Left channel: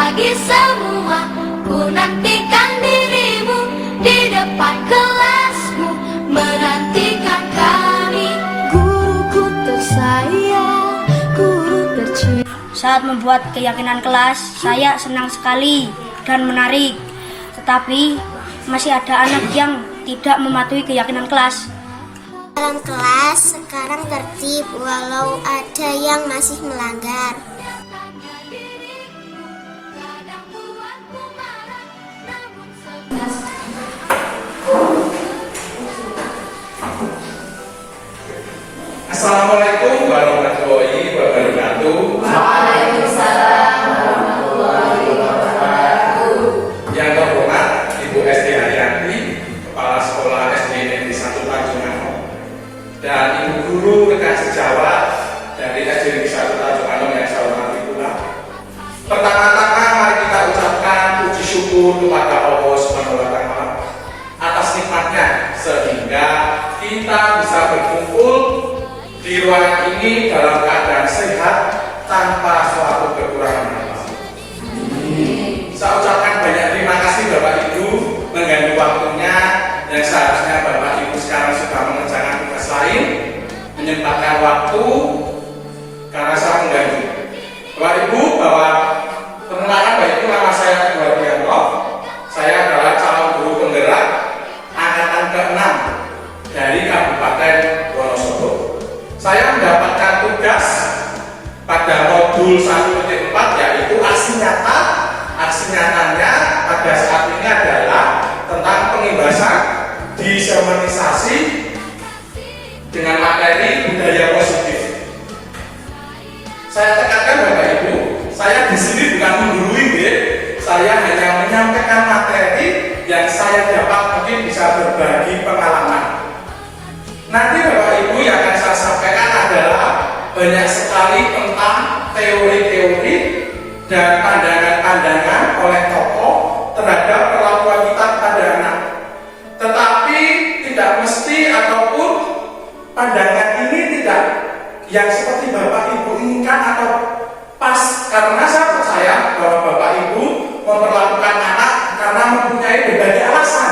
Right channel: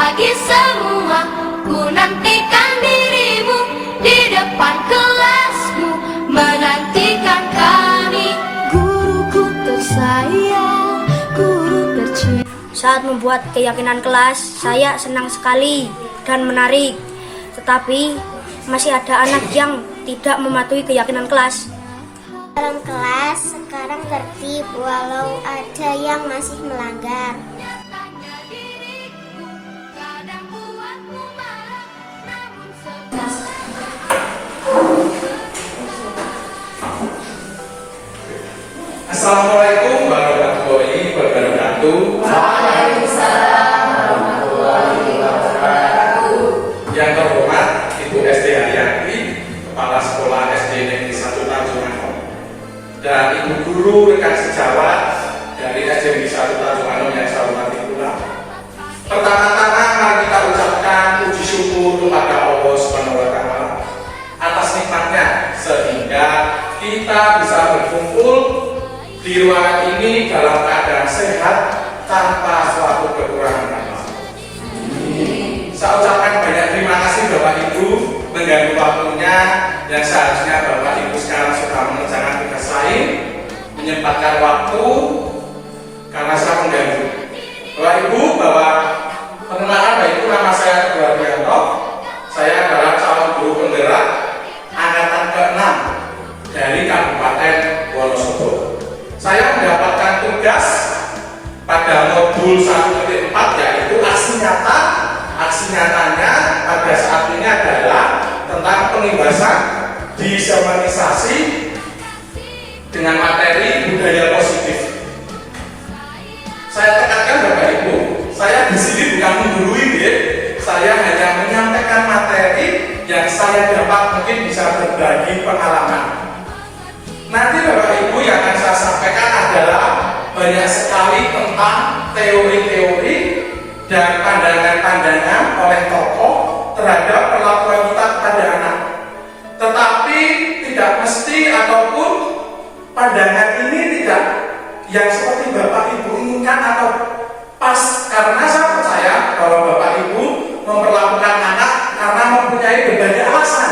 pagi semua, ku nantikan dirimu di depan kelasmu, menantikan kami. Guruku tersayang, guru tercinta. Saat membuat keyakinan kelas, saya senang sekali dan menarik. Tetapi masih ada anak yang tidak mematuhi keyakinan kelas. Dalam kelas sekarang tertib walau ada yang masih melanggar. Assalamualaikum warahmatullahi wabarakatuh. Waalaikumsalam warahmatullahi wabarakatuh. Yang terhormat Ibu SD Haryati, Kepala Sekolah SD Negeri 1 Tanjung Anom, dan Ibu Guru rekan sejawat dari SD Negeri 1 Tanjung Anom yang saya hormati pula. Pertama-tama mari kita ucapkan puji syukur kepada Allah Subhanahu wa Ta'ala atas nikmatnya sehingga kita bisa berkumpul di ruangan ini dalam keadaan sehat tanpa suatu kekurangan amal. Saya ucapkan banyak terima kasih Bapak Ibu mengganggu waktunya yang seharusnya Bapak Ibu sekarang sudah mengerjakan tugas lain, menyempatkan waktu karena saya mengganggu. Bapak Ibu, bahwa perkenalkan Bapak Ibu, nama saya Teguh Hardianto. Saya adalah calon guru penggerak angkatan ke-6 dari Kabupaten Wonosobo. Saya mendapatkan tugas pada modul 1.4 yaitu aksi nyata. Aksi nyatanya pada saat ini adalah tentang pengimbasan disemenisasi dengan materi budaya positif. Saya tekankan Bapak Ibu, saya di sini bukan menggurui, saya hanya menyampaikan materi yang saya dapat mungkin bisa berbagi pengalaman. Nanti Bapak Ibu yang akan saya sampaikan adalah banyak sekali tentang teori-teori dan pandangan-pandangan oleh tokoh terhadap perlakuan kita kepada anak. Tetapi tidak mesti ataupun pandangan ini tidak yang seperti Bapak Ibu inginkan atau pas, karena saya percaya bahwa Bapak Ibu memperlakukan anak karena mempunyai berbagai alasan.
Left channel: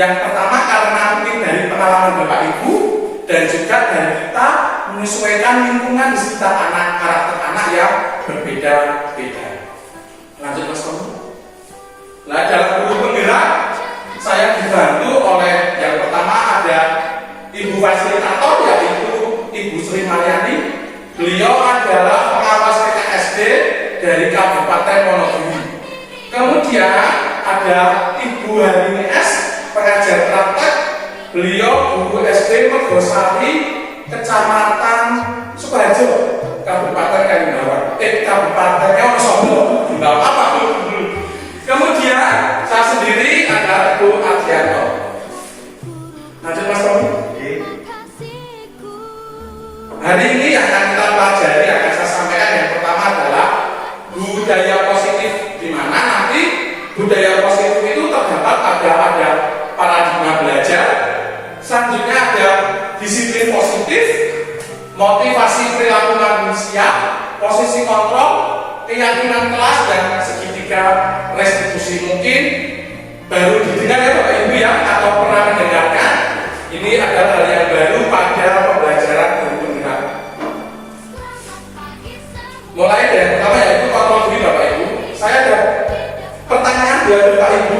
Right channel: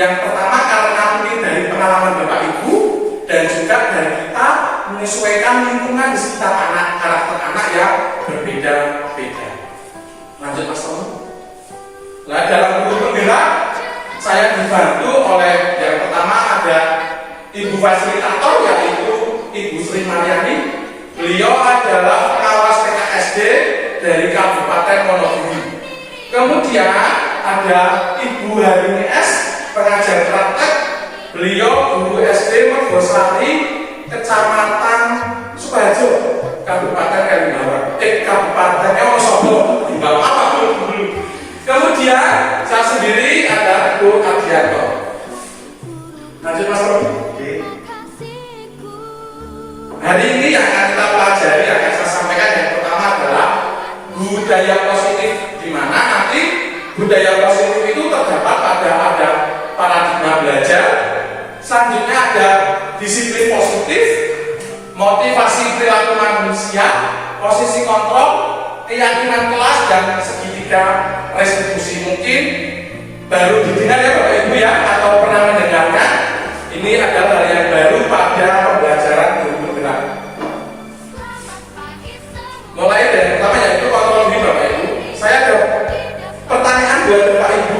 Yang pertama karena mungkin dari pengalaman Bapak Ibu dan juga dari kita menyesuaikan lingkungan di sekitar anak, karakter anak yang berbeda-beda. Lanjut Mas Tom. Nah, dalam guru penggerak saya dibantu oleh yang pertama ada Ibu fasilitator yaitu Ibu Sri Maryani. Beliau adalah pengawas TKSD dari Kabupaten Wonogiri. Kemudian ada Ibu Harini S, pengajar praktek. Beliau guru SD Mergosari, Kecamatan Sukoharjo, Kabupaten Kalimbawan. Kabupatennya Wonosobo. Enggak apa-apa, Bu. Kemudian saya sendiri ada Bu Adrianto. Lanjut Mas Romi. Hari ini yang akan kita pelajari, yang akan saya sampaikan yang pertama adalah budaya positif, di mana nanti budaya positif itu terdapat pada ada paradigma belajar. Selanjutnya ada disiplin positif, motivasi perilaku manusia, posisi kontrol, keyakinan kelas, dan segitiga restitusi. Mungkin baru didengar ya Bapak Ibu ya, atau pernah mendengarkan. Ini adalah hal yang baru pada pembelajaran guru penggerak. Mulai dari yang pertama yaitu kronologi Bapak Ibu. Saya ada pertanyaan buat Bapak Ibu.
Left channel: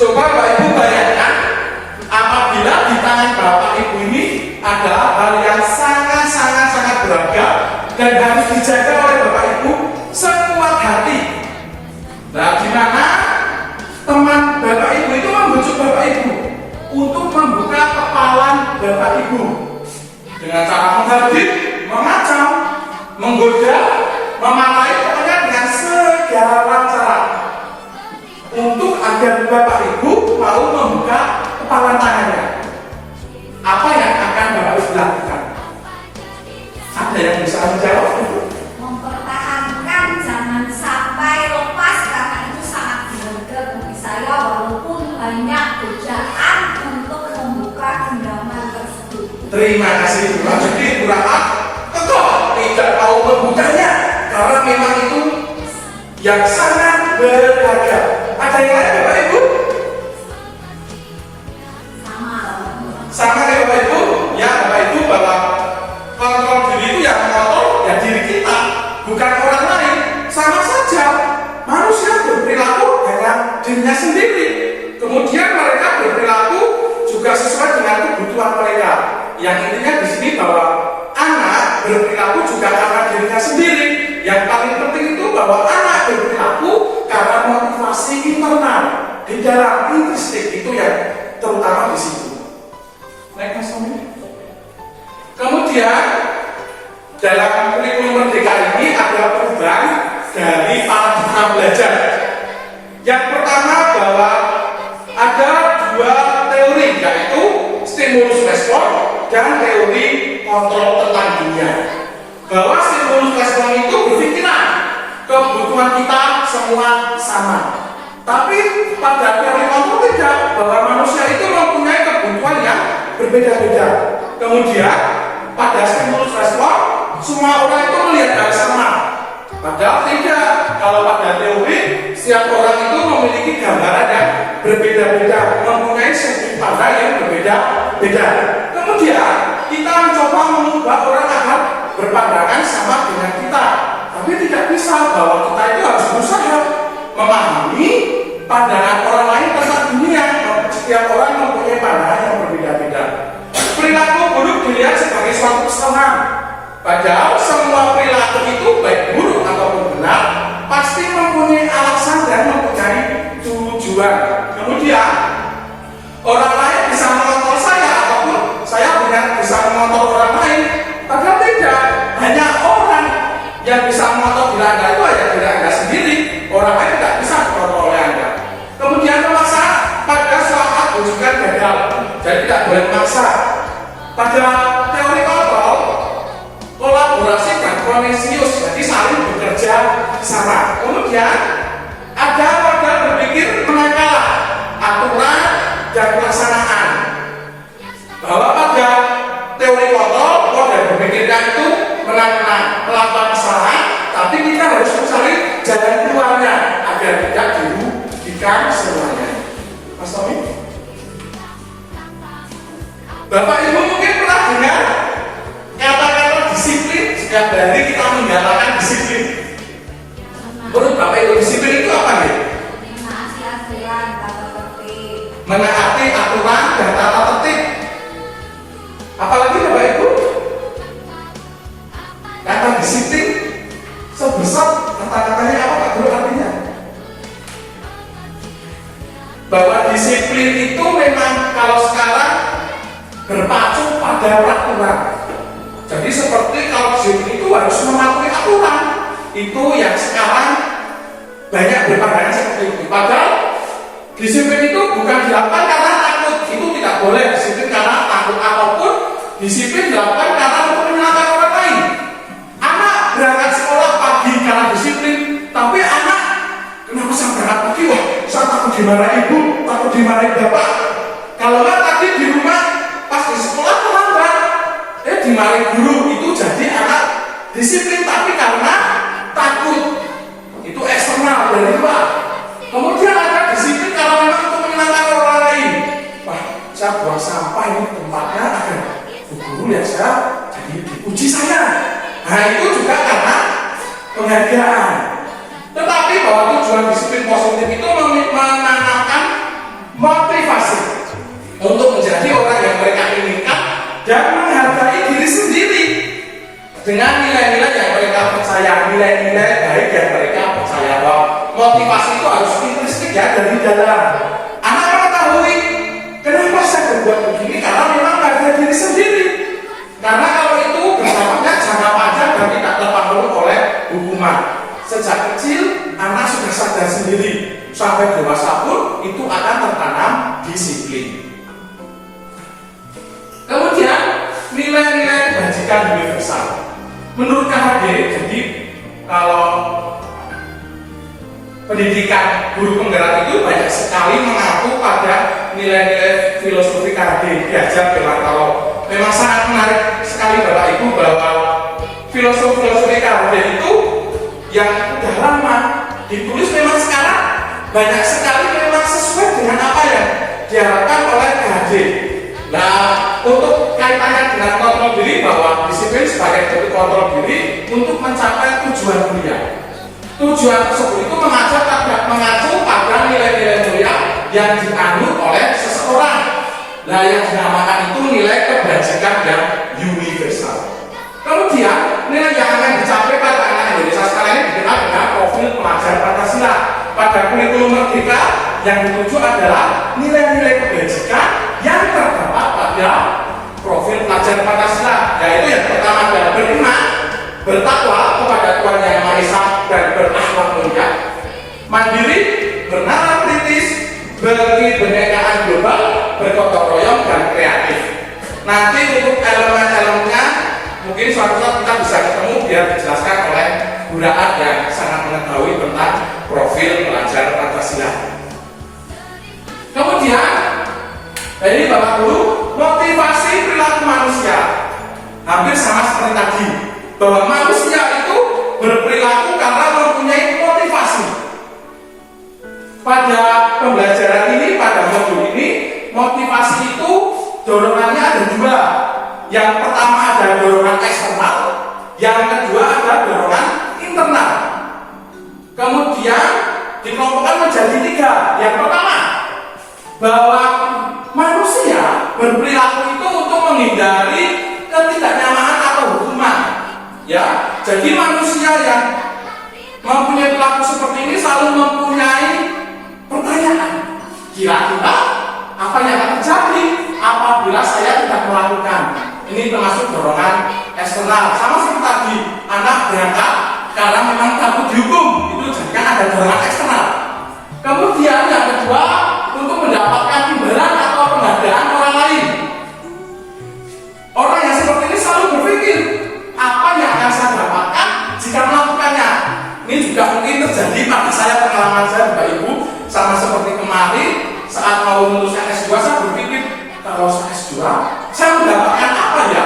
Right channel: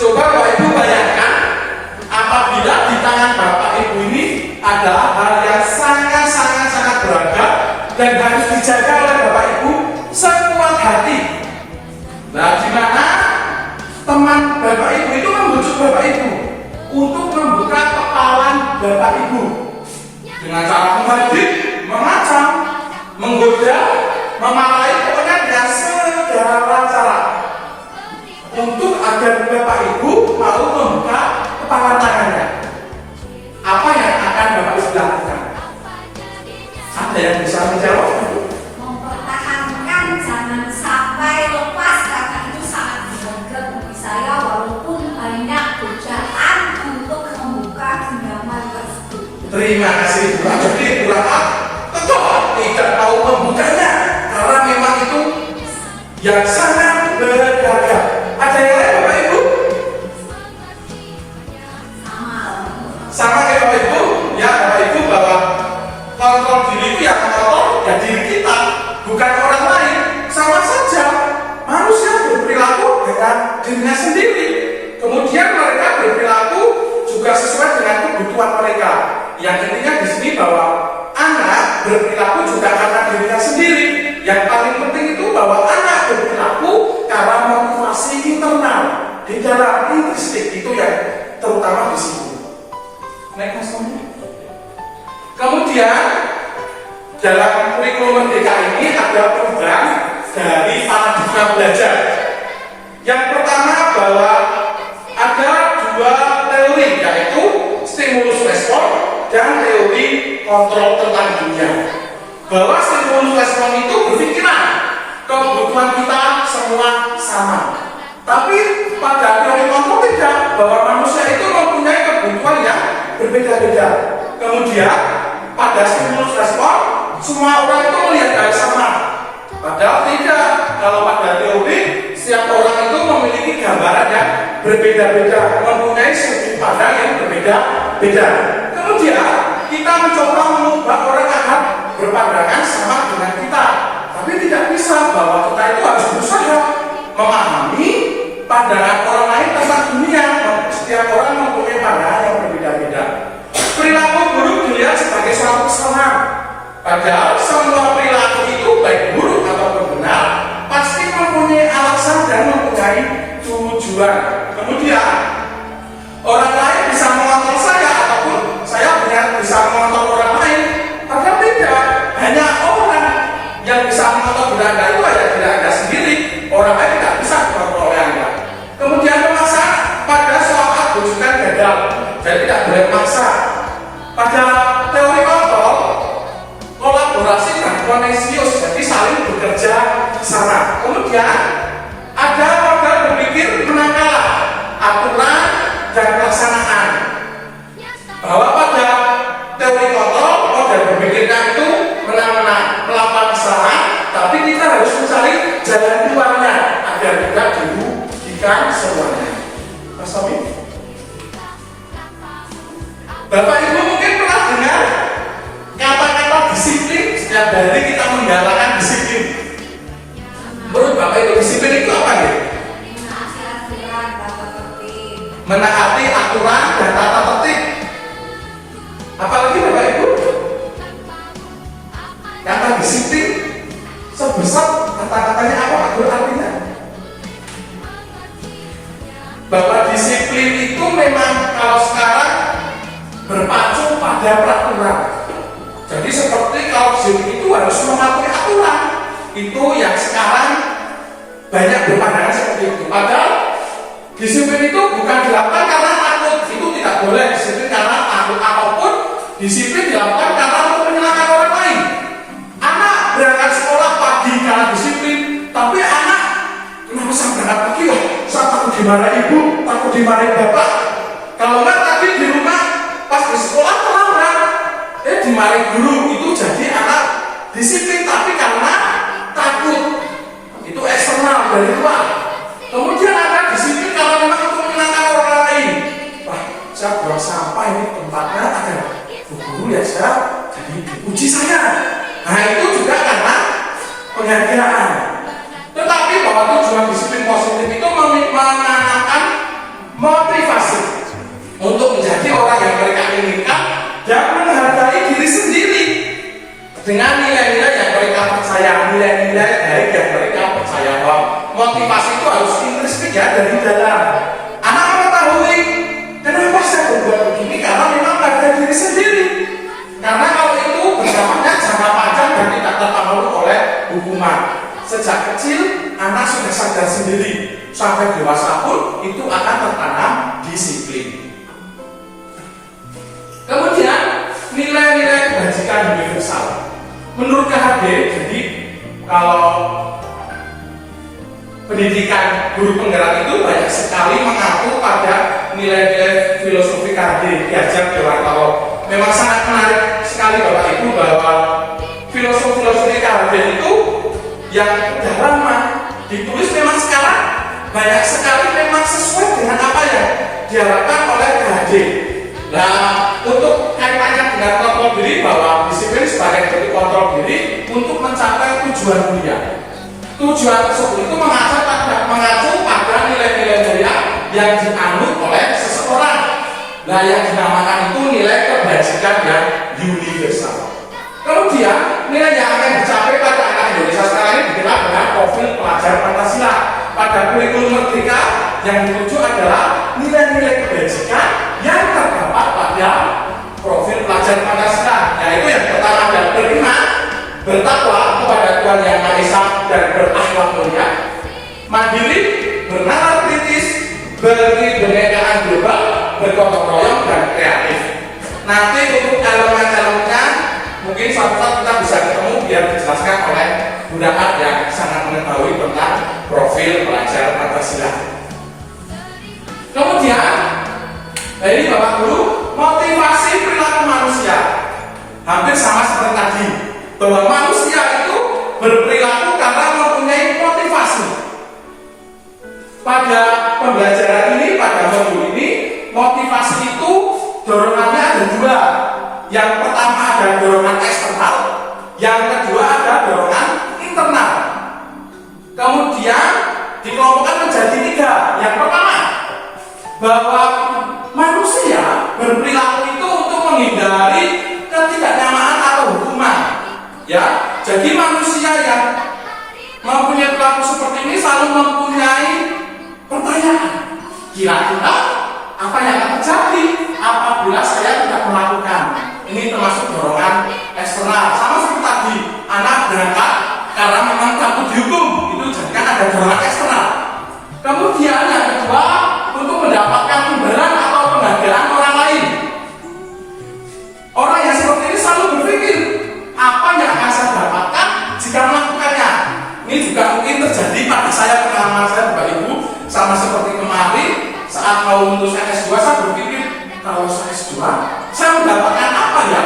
Coba Bapak Ibu bayangkan apabila di tangan Bapak Ibu ini ada hal yang sangat berharga dan harus dijaga oleh Bapak Ibu sekuat hati. Nah, di mana teman Bapak Ibu itu membujuk Bapak Ibu untuk membuka kepalan Bapak Ibu dengan cara menghadit, mengacam, menggoda, memarahi, pokoknya dengan segala cara untuk agar Bapak Ibu mau membuka kepalan tangannya. Apa yang akan Bapak Ibu lakukan? Ada yang bisa menjawab? Mempertahankan jangan sampai lepas, karena itu sangat berharga bagi saya walaupun banyak godaan untuk membuka genggaman tersebut. Terima kasih Bu. Jadi Bu Rahmat tetap tidak tahu membukanya karena memang itu yang sangat berharga. Ada yang lain Bapak Ibu? Sama kayak Bapak Ibu? Ya Bapak Ibu, bahwa kontrol diri itu yang mengontrol ya diri kita, bukan orang lain. Sama saja, manusia berperilaku dengan dirinya sendiri. Kemudian mereka berperilaku juga sesuai dengan kebutuhan mereka. Yang intinya di sini bahwa anak berperilaku juga karena dirinya sendiri. Yang paling penting itu bahwa anak berperilaku karena motivasi internal di dalam intrinsik itu yang terutama di situ. Naik Mas Tommy. Kemudian dalam kurikulum Merdeka ini ada perubahan dari paradigma belajar. Yang pertama bahwa ada dua teori, yaitu stimulus respon dan teori kontrol tentang dunia. Bahwa stimulus respon itu berpikiran kebutuhan kita semua sama. Tapi pada teori kontrol tidak, bahwa manusia itu mempunyai kebutuhan yang berbeda-beda. Kemudian pada stimulus respon semua orang itu melihat hal sama. Padahal tidak. Kalau pada teori setiap orang itu memiliki gambaran yang berbeda-beda, mempunyai sudut pandang yang berbeda-beda. Kemudian kita mencoba mengubah orang agar berpandangan sama dengan kita. Tapi tidak bisa, bahwa kita itu harus berusaha memahami pandangan orang lain tentang dunia. Setiap orang mempunyai pandangan yang berbeda-beda. Perilaku buruk dilihat sebagai suatu kesalahan. Padahal semua perilaku itu baik buruk ataupun benar pasti mempunyai alasan dan mempunyai tujuan. Kemudian orang lain bisa mengontrol saya ataupun saya bisa mengontrol orang lain. Padahal tidak, hanya orang yang bisa mengontrol diri Anda itu hanya diri Anda sendiri. Orang lain tidak bisa mengontrol oleh Anda. Kemudian memaksa pada suatu bukan gagal, jadi tidak boleh memaksa. Pada teori kontrol, kolaborasi dan koneksius, jadi saling bekerja sama. Kemudian ada model berpikir menang kalah, aturan dan pelaksanaan. Bahwa pada teori kontrol, model berpikirnya itu menang-menang, melakukan kesalahan, tapi kita harus mencari jalan keluarnya agar tidak dirugikan semuanya. Mas Tommy? Bapak Ibu mungkin pernah dengar kata-kata disiplin. Setiap hari kita menggalakkan disiplin. Menurut Bapak Ibu disiplin itu apa nih? Menaati aturan dan tata tertib. Apalagi Bapak Ibu? Kata disiplin sebesar kata-katanya apa Pak Guru artinya? Bahwa disiplin itu memang kalau sekarang berpacu pada peraturan. Jadi seperti kalau disiplin itu harus mematuhi aturan. Itu yang sekarang banyak berpandangan seperti itu. Padahal disiplin itu bukan dilakukan karena takut. Itu tidak boleh disiplin karena takut, ataupun disiplin dilakukan karena untuk menyenangkan orang lain. Anak berangkat sekolah pagi karena disiplin, tapi anak kenapa saya berangkat pagi? Wah, saya takut dimarahi ibu, takut dimarahi bapak. Kalau enggak tadi di rumah pas di sekolah terlambat, dimarahi guru. Itu jadi anak disiplin tapi karena takut. Itu eksternal dari luar. Kemudian ada disiplin kalau memang untuk menyenangkan orang lain. Wah, saya buang sampah ini tempatnya agar guru ya saya jadi dipuji saya. Nah itu juga karena penghargaan. Tetapi bahwa tujuan disiplin positif itu menanamkan motivasi untuk menjadi orang yang mereka inginkan dan menghargai diri sendiri dengan nilai-nilai yang mereka percaya, nilai-nilai baik yang mereka percaya. Bahwa motivasi itu harus intrinsik ya, dari dalam. Anak mengetahui kenapa saya berbuat begini, karena memang pada diri sendiri. Karena kalau itu berdampaknya jangka panjang dan tidak terpengaruh oleh hukuman. Sejak kecil anak sudah sadar sendiri, sampai dewasa pun itu akan tertanam disiplin. Kemudian nilai-nilai bajikan universal. Menurut KHD, jadi kalau pendidikan guru penggerak itu banyak sekali mengaku pada nilai-nilai filosofi KHD diajar Dewartalo. Memang sangat menarik sekali Bapak Ibu bahwa filosofi KHD itu yang sudah lama ditulis memang sekarang banyak sekali memang sesuai dengan apa yang diharapkan oleh KHD. Nah, untuk kaitannya dengan kontrol diri, bahwa disiplin sebagai bentuk kontrol diri untuk mencapai tujuan mulia. Tujuan tersebut itu mengacu pada nilai-nilai mulia yang dianut oleh seseorang. Nah, yang dinamakan itu nilai kebajikan yang universal. Kemudian nilai yang akan dicapai pada anak Indonesia sekarang ini dikenal dengan profil pelajar Pancasila. Pada kurikulum Merdeka yang dituju adalah nilai-nilai kebajikan yang terdapat pada profil pelajar Pancasila, yaitu yang pertama adalah beriman, bertakwa kepada Tuhan Yang Maha Esa dan berakhlak mulia, mandiri, bernalar kritis, berkebinekaan global, bergotong royong dan kreatif. Nanti untuk elemen-elemennya mungkin suatu saat kita bisa ketemu biar dijelaskan oleh Bu Raat yang sangat mengetahui tentang profil pelajar Pancasila. Kemudian dari Bapak Guru, motivasi perilaku manusia hampir sama seperti tadi, bahwa manusia itu berperilaku karena mempunyai motivasi. Pada pembelajaran ini, pada modul ini, motivasi itu dorongannya ada dua. Yang pertama ada dorongan eksternal, yang kedua ada dorongan internal. Kemudian dikelompokkan menjadi tiga. Yang pertama, bahwa manusia berperilaku itu untuk menghindari ketidaknyamanan atau hukuman. Ya, jadi manusia yang mempunyai perilaku seperti ini selalu mempunyai pertanyaan. Kira-kira apa yang akan terjadi apabila saya tidak melakukan? Ini termasuk dorongan eksternal. Sama seperti tadi, anak berangkat karena memang takut dihukum, itu jadikan ada dorongan eksternal. Kemudian yang kedua, untuk mendapatkan imbalan atau penghargaan orang lain. Orang yang seperti ini selalu berpikir, apa yang akan saya dapatkan jika melakukannya. Ini juga mungkin terjadi pada saya, pengalaman saya Bapak Ibu, sama seperti kemarin saat mau meluluskan S2, saya berpikir, kalau saya S2, saya mendapatkan apa ya?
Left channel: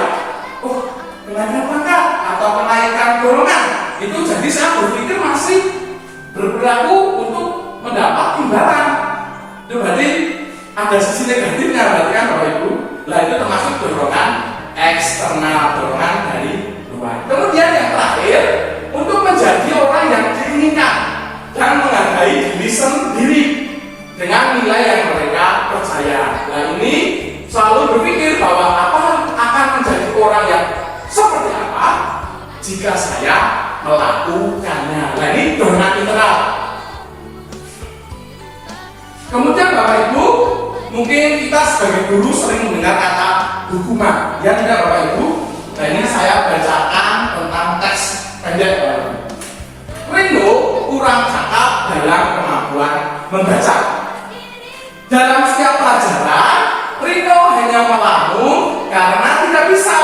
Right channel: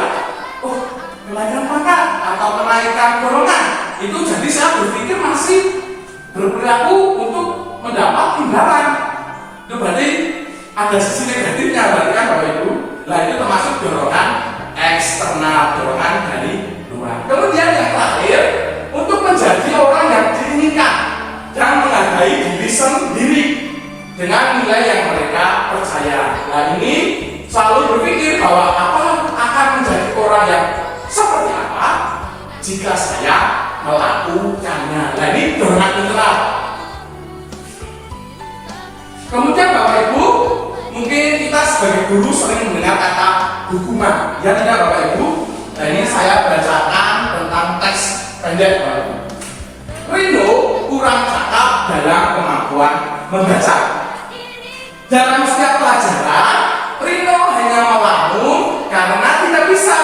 Oh, kenaikan pangkat atau kenaikan dorongan. Itu jadi saya berpikir masih berperilaku untuk mendapat imbalan. Itu berarti ada sisi negatifnya, berarti kan Bapak Ibu. Nah, itu termasuk dorongan eksternal, dorongan dari luar. Kemudian yang terakhir, untuk menjadi orang yang diinginkan dan menghargai diri sendiri dengan nilai yang mereka percaya. Nah, ini selalu berpikir bahwa apakah akan menjadi orang yang seperti apa jika saya melakukannya. Nah, ini dorongan internal. Kemudian Bapak Ibu, mungkin kita sebagai guru sering mendengar kata hukuman. Ya tidak Bapak Ibu? Nah, ini saya bacakan tentang teks pendek Bapak Ibu. Rino kurang cakap dalam kemampuan membaca. Dalam setiap pelajaran, Rino hanya melamun karena tidak bisa.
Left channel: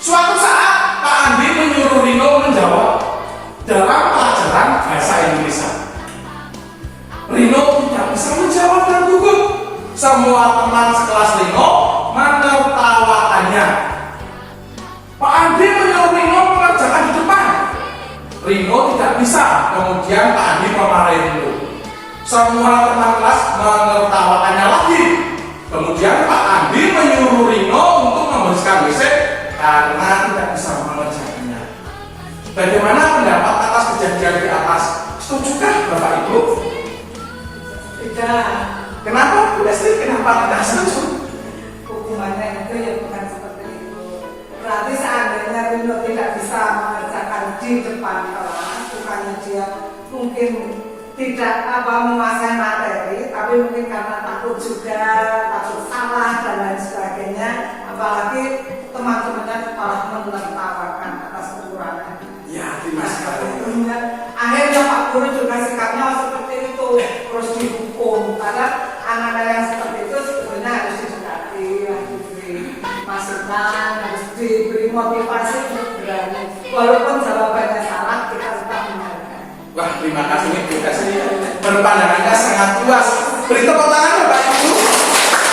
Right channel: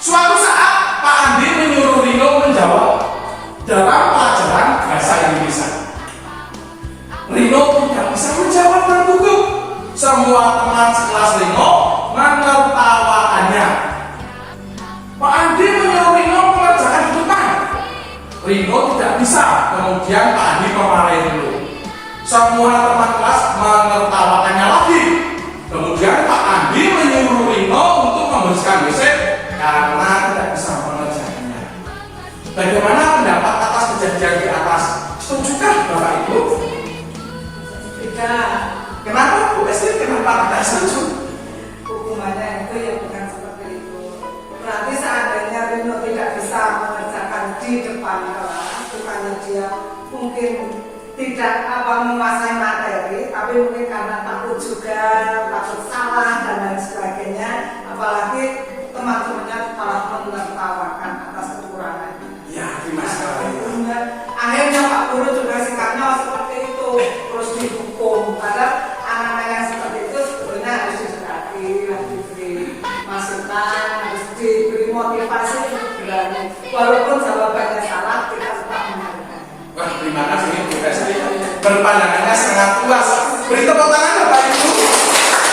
Suatu saat Pak Andi menyuruh Rino menjawab dalam pelajaran bahasa Indonesia. Rino tidak bisa menjawab dengan gugup. Semua teman sekelas Rino menertawakannya. Pak Andi menyuruh Rino mengerjakan di depan. Rino tidak bisa. Kemudian Pak Andi memarahi Rino. Semua teman kelas menertawakannya lagi. Kemudian Pak Andi menyuruh Rino untuk membersihkan WC karena tidak bisa mengerjakannya. Bagaimana pendapat atas kejadian di atas? Setujukah Bapak Ibu? Tidak. Kenapa Bu Esti? Kenapa tidak setuju? Hukumannya itu ya bukan seperti itu. Berarti seandainya Rino tidak bisa mengerjakan di depan kelas, bukannya dia mungkin tidak menguasai materi, tapi mungkin karena takut juga, takut salah dan lain sebagainya. Apalagi teman-temannya malah menertawakan atas kekurangan. Ya, terima kasih. Akhirnya Pak Guru juga sikapnya seperti itu, terus dihukum. Karena anak-anak yang seperti itu sebetulnya harus didekati, harus diberi masukan, harus diberi motivasi untuk berani. Walaupun jawabannya salah, kita tetap menghargai. Wah, terima kasih Bu Esti. Berpandangannya sangat luas. Beri tepuk tangan Bapak Ibu.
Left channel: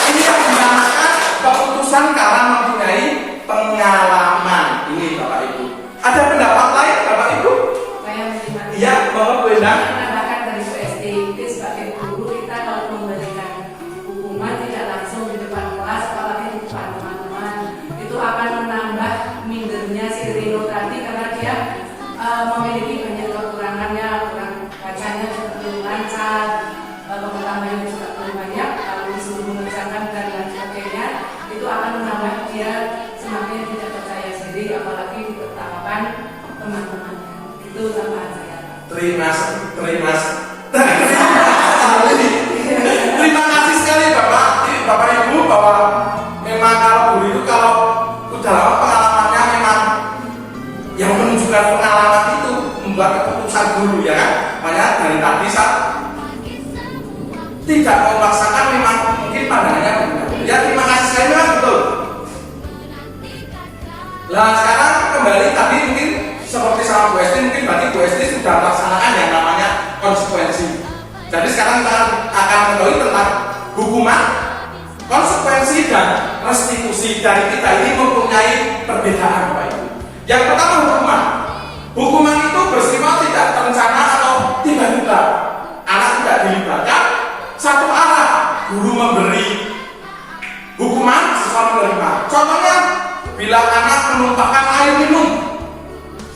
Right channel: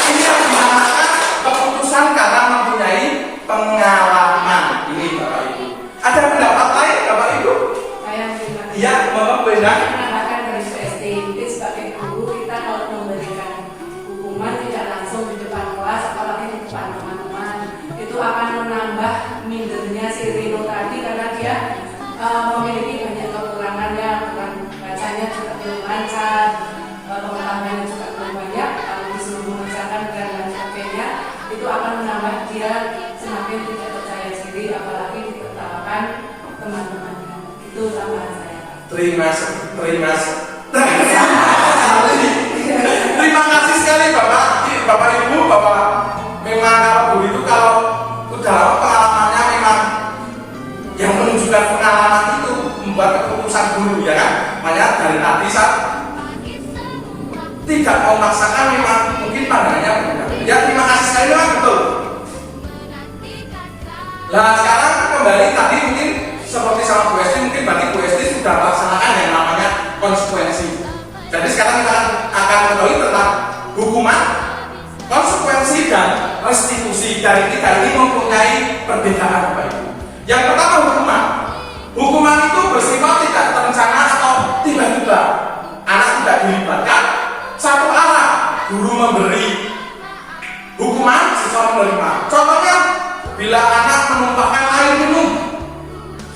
Ini yang dinamakan keputusan karena mempunyai pengalaman. Ini Bapak Ibu. Ada pendapat lain Bapak Ibu? Saya tidak. Iya, Bapak. Bu Endang? Menandakan dari SD. Jadi sebagai guru kita kalau memberikan hukuman tidak langsung di depan kelas, apalagi di depan teman-teman, itu akan menambah mindernya si Rino tadi karena dia memiliki banyak kekurangannya, kurang bacanya juga belum lancar, pengetahuannya juga belum banyak, kalau disuruh mengerjakan dan lain sebagainya, itu akan menambah dia semakin tidak percaya diri, apalagi ditetapkan teman-temannya. Itu tambahan saya. Terima kasih sekali Bapak Ibu, bahwa memang kalau guru itu kalau udah pengalamannya memang yang menunjukkan pengalaman itu membuat keputusan guru, ya kan? Makanya dari tadi saya tidak memaksakan, memang mungkin pandangannya berbeda. Ya, terima kasih sekali, Pak. Betul. Nah, sekarang kembali tadi mungkin seperti sama Bu Esti, mungkin berarti Bu Esti sudah melaksanakan yang namanya konsekuensi. Jadi sekarang kita akan mengetahui tentang hukuman, konsekuensi, dan restitusi. Dari kita ini mempunyai perbedaan, Bapak Ibu. Yang pertama hukuman. Hukuman itu bersifat tidak terencana atau tiba-tiba. Anak tidak dilibatkan, satu arah. Guru memberi hukuman, siswa menerima. Contohnya, bila anak menumpahkan air minum,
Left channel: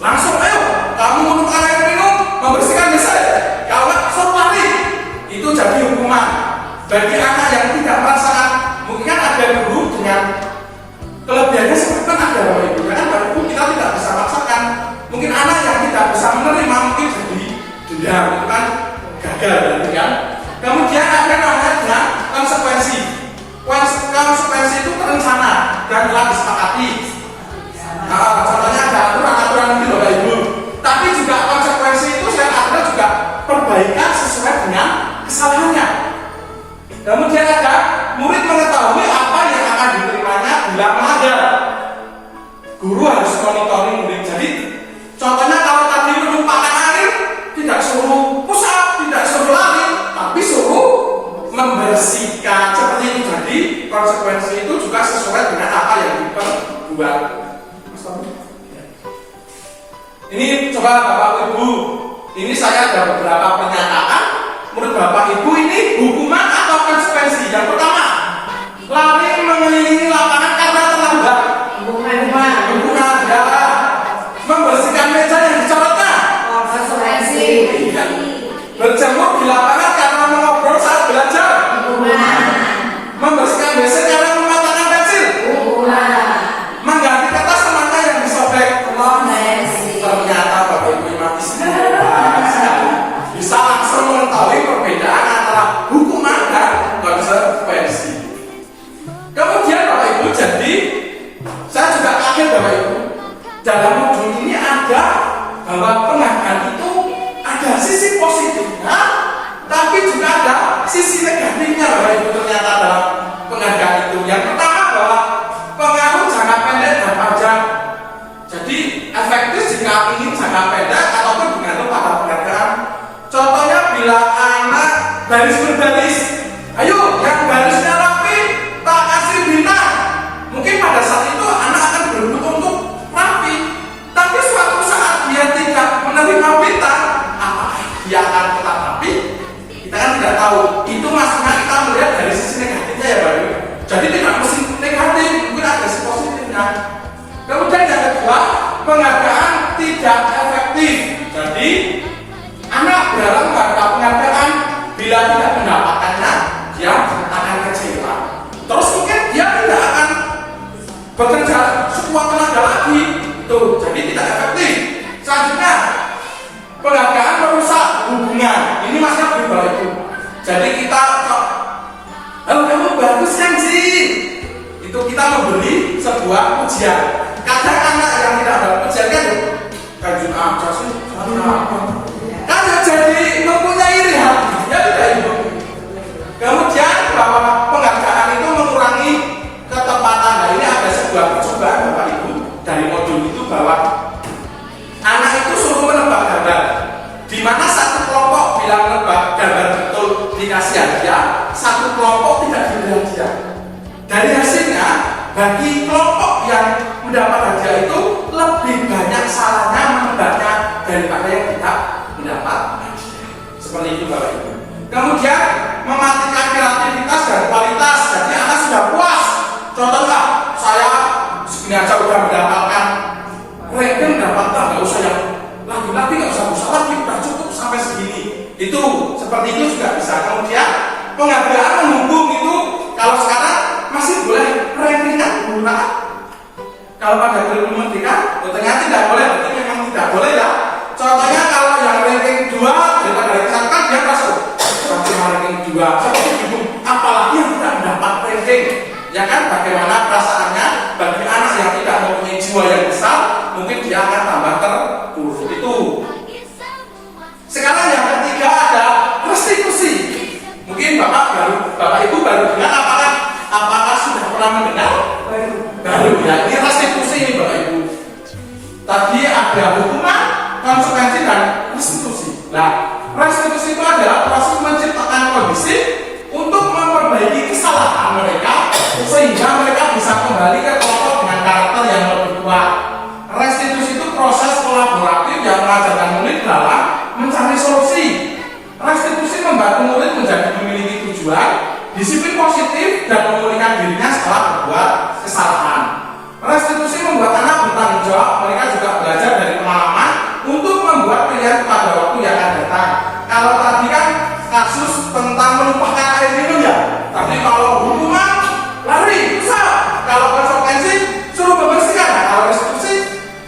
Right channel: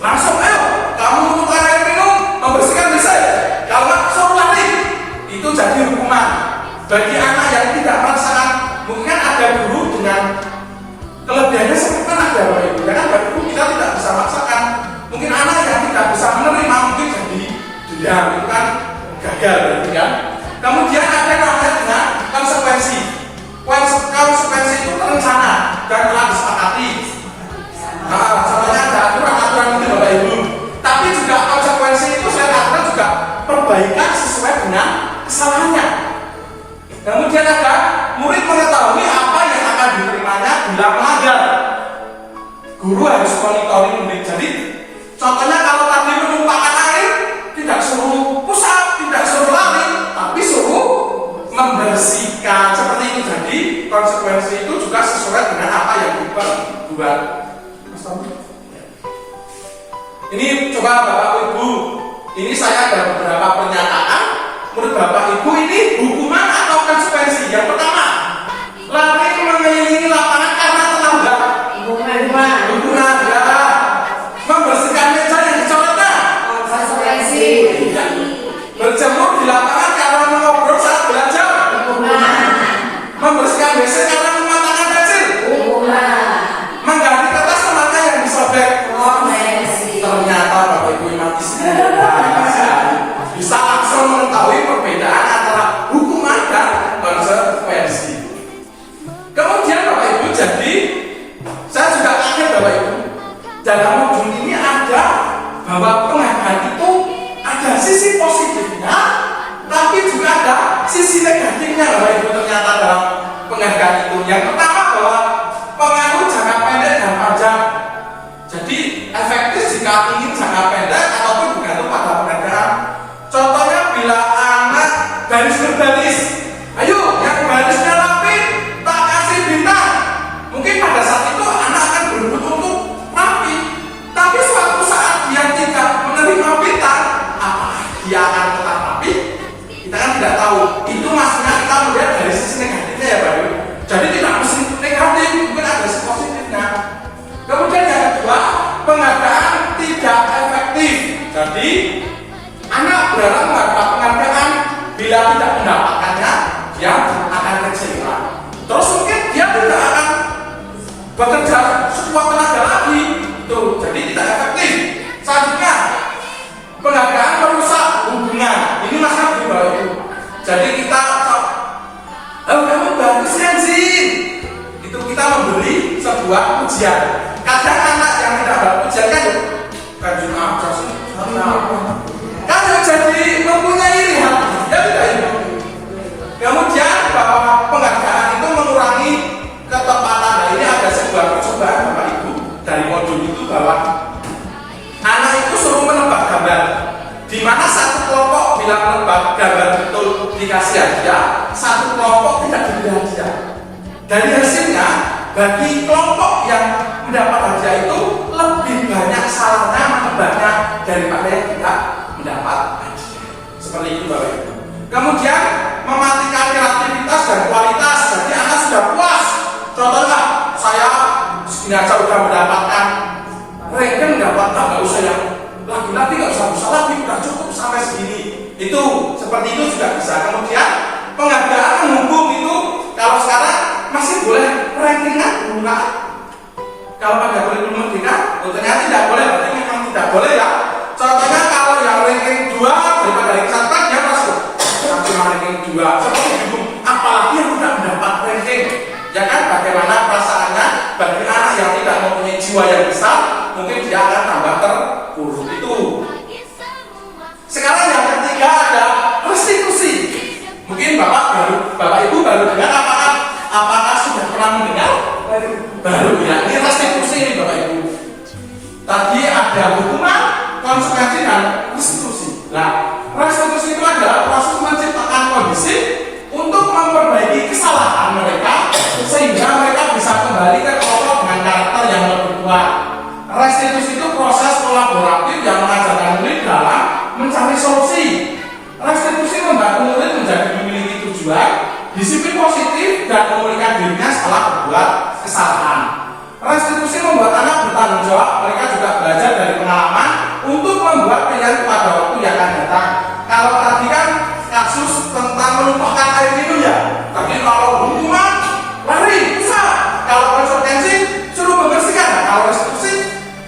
langsung ayo kamu menumpahkan air minum, membersihkan WC. Kalau nggak, suruh lari. Itu jadi hukuman. Bagi anak yang tidak merasakan, mungkin ada guru dengan kelebihannya seperti kan ada Bapak Ibu. Karena Bapak Ibu kita tidak bisa maksakan. Mungkin anak yang tidak bisa menerima mungkin jadi dendam, itu kan gagal berarti kan. Kemudian ada namanya dengan konsekuensi. Konsekuensi itu terencana dan telah disepakati. Contohnya ada aturan-aturan itu Bapak Ibu. Tapi juga konsekuensi itu saya katakan juga perbaikan sesuai dengan kesalahannya. Kemudian ada murid mengetahui apa yang akan diterimanya bila melanggar. Guru harus monitoring murid. Jadi contohnya kalau tadi menumpahkan air, tidak suruh push up, tidak suruh lari, tapi suruh membersihkan. Seperti itu. Jadi konsekuensi itu juga sesuai dengan apa yang diperbuat. Ini coba Bapak Ibu, ini saya ada beberapa pernyataan. Menurut Bapak Ibu ini hukuman atau konsekuensi? Yang pertama, lari mengelilingi lapangan karena terlambat. Hukuman ya. Membersihkan meja yang dicoretnya. Konsekuensi. Berjemur di lapangan karena mengobrol saat belajar. Membersihkan WC karena mengatakan pensil. Mengganti kertas temannya yang disobek. Ternyata Bapak Ibu yang mati bisa langsung mengetahui perbedaan antara hukuman dan konsekuensi. Kemudian Bapak Ibu, jadi saya juga kaget Bapak Ibu, dalam modul ini ada bahwa penghargaan itu ada sisi positifnya, tapi juga ada sisi negatifnya Bapak Ibu. Ternyata dalam penghargaan itu yang pertama bahwa pengaruh jangka pendek dan panjang. Jadi efektif jika ingin jangka pendek ataupun bergantung pada penghargaan. Contohnya bila anak baris berbaris, ayo yang barisnya rapi tak kasih bintang. Mungkin pada saat itu anak akan berusaha untuk rapi, tapi suatu saat dia tidak menerima bintang, apakah dia akan tetap rapi? Kita kan tidak tahu. Itu maksudnya kita melihat dari sisi negatifnya ya Pak. Jadi tidak mesti negatif, mungkin ada sisi positifnya. Kemudian yang kedua, penghargaan tidak efektif. Jadi anak berharap mendapatkan penghargaan, bila tidak mendapatkannya, dia akan kecewa. Terus mungkin dia tidak akan bekerja sekuat tenaga lagi. Tuh, jadi tidak efektif. Selanjutnya, penghargaan merusak hubungan. Ini masalah Bapak Ibu. Jadi kita, kamu bagus kan sih? Itu kita memberi sebuah pujian. Kadang anak yang tidak dapat pujian kan juga apa sih? Kan jadi mempunyai iri hati, ya tidak itu. Kemudian bahwa penghargaan itu mengurangi ketepatan. Nah, ini ada sebuah percobaan Bapak Ibu dari modul itu bahwa anak itu suruh menebak gambar, di mana satu kelompok bilang menebak gambar betul dikasih hadiah, satu kelompok tidak diberi hadiah. Dari hasilnya, bagi kelompok yang mendapat hadiah itu lebih banyak salahnya menebaknya daripada yang tidak mendapat hadiah. Seperti itu Bapak Ibu. Kemudian mematikan kreativitas dan kualitas. Jadi anak sudah puas. Contohnya saya segini aja udah mendapatkan ranking, mendapatkan, nggak usah yang lagi nggak usah lagi, udah cukup sampai segini. Itu seperti itu juga bisa. Kemudian penghargaan menghubung itu kalau sekarang masih boleh ranking kan menggunakan. Kalau pada kurikulum merdeka, ternyata tidak boleh, berarti memang tidak boleh ya. Contohnya kalau yang ranking 2 daripada ranking 1 dia masuk. Cuma ranking 2, seperti itu. Apalagi yang tidak mendapat ranking. Ya kan, bagaimana perasaannya bagi anak yang tidak mempunyai jiwa yang besar, mungkin dia akan tambah terpuruk. Itu. Sekarang yang ketiga ada restitusi. Mungkin Bapak Ibu baru dengar, apakah sudah pernah mendengar? Baru ya, ini restitusi Bapak Ibu. Tadi ada hukuman, konsekuensi dan restitusi. Nah, restitusi itu adalah proses menciptakan kondisi untuk memperbaiki kesalahan mereka sehingga mereka bisa kembali ke kelompok dengan karakter yang lebih kuat. Restitusi itu proses kolaboratif yang mengajarkan murid dalam mencari solusi. Restitusi membantu murid menjadi memiliki tujuan, disiplin positif, dan memulihkan dirinya setelah berbuat kesalahan. Restitusi membuat anak bertanggung jawab. Mereka juga belajar dari pengalaman untuk membuat pilihan pada waktu yang akan datang. Kalau tadi kan kasus tentang menumpahkan air minum ya, tapi kalau hukuman lari, besar. Kalau konsekuensi suruh membersihkan. Nah, kalau restitusi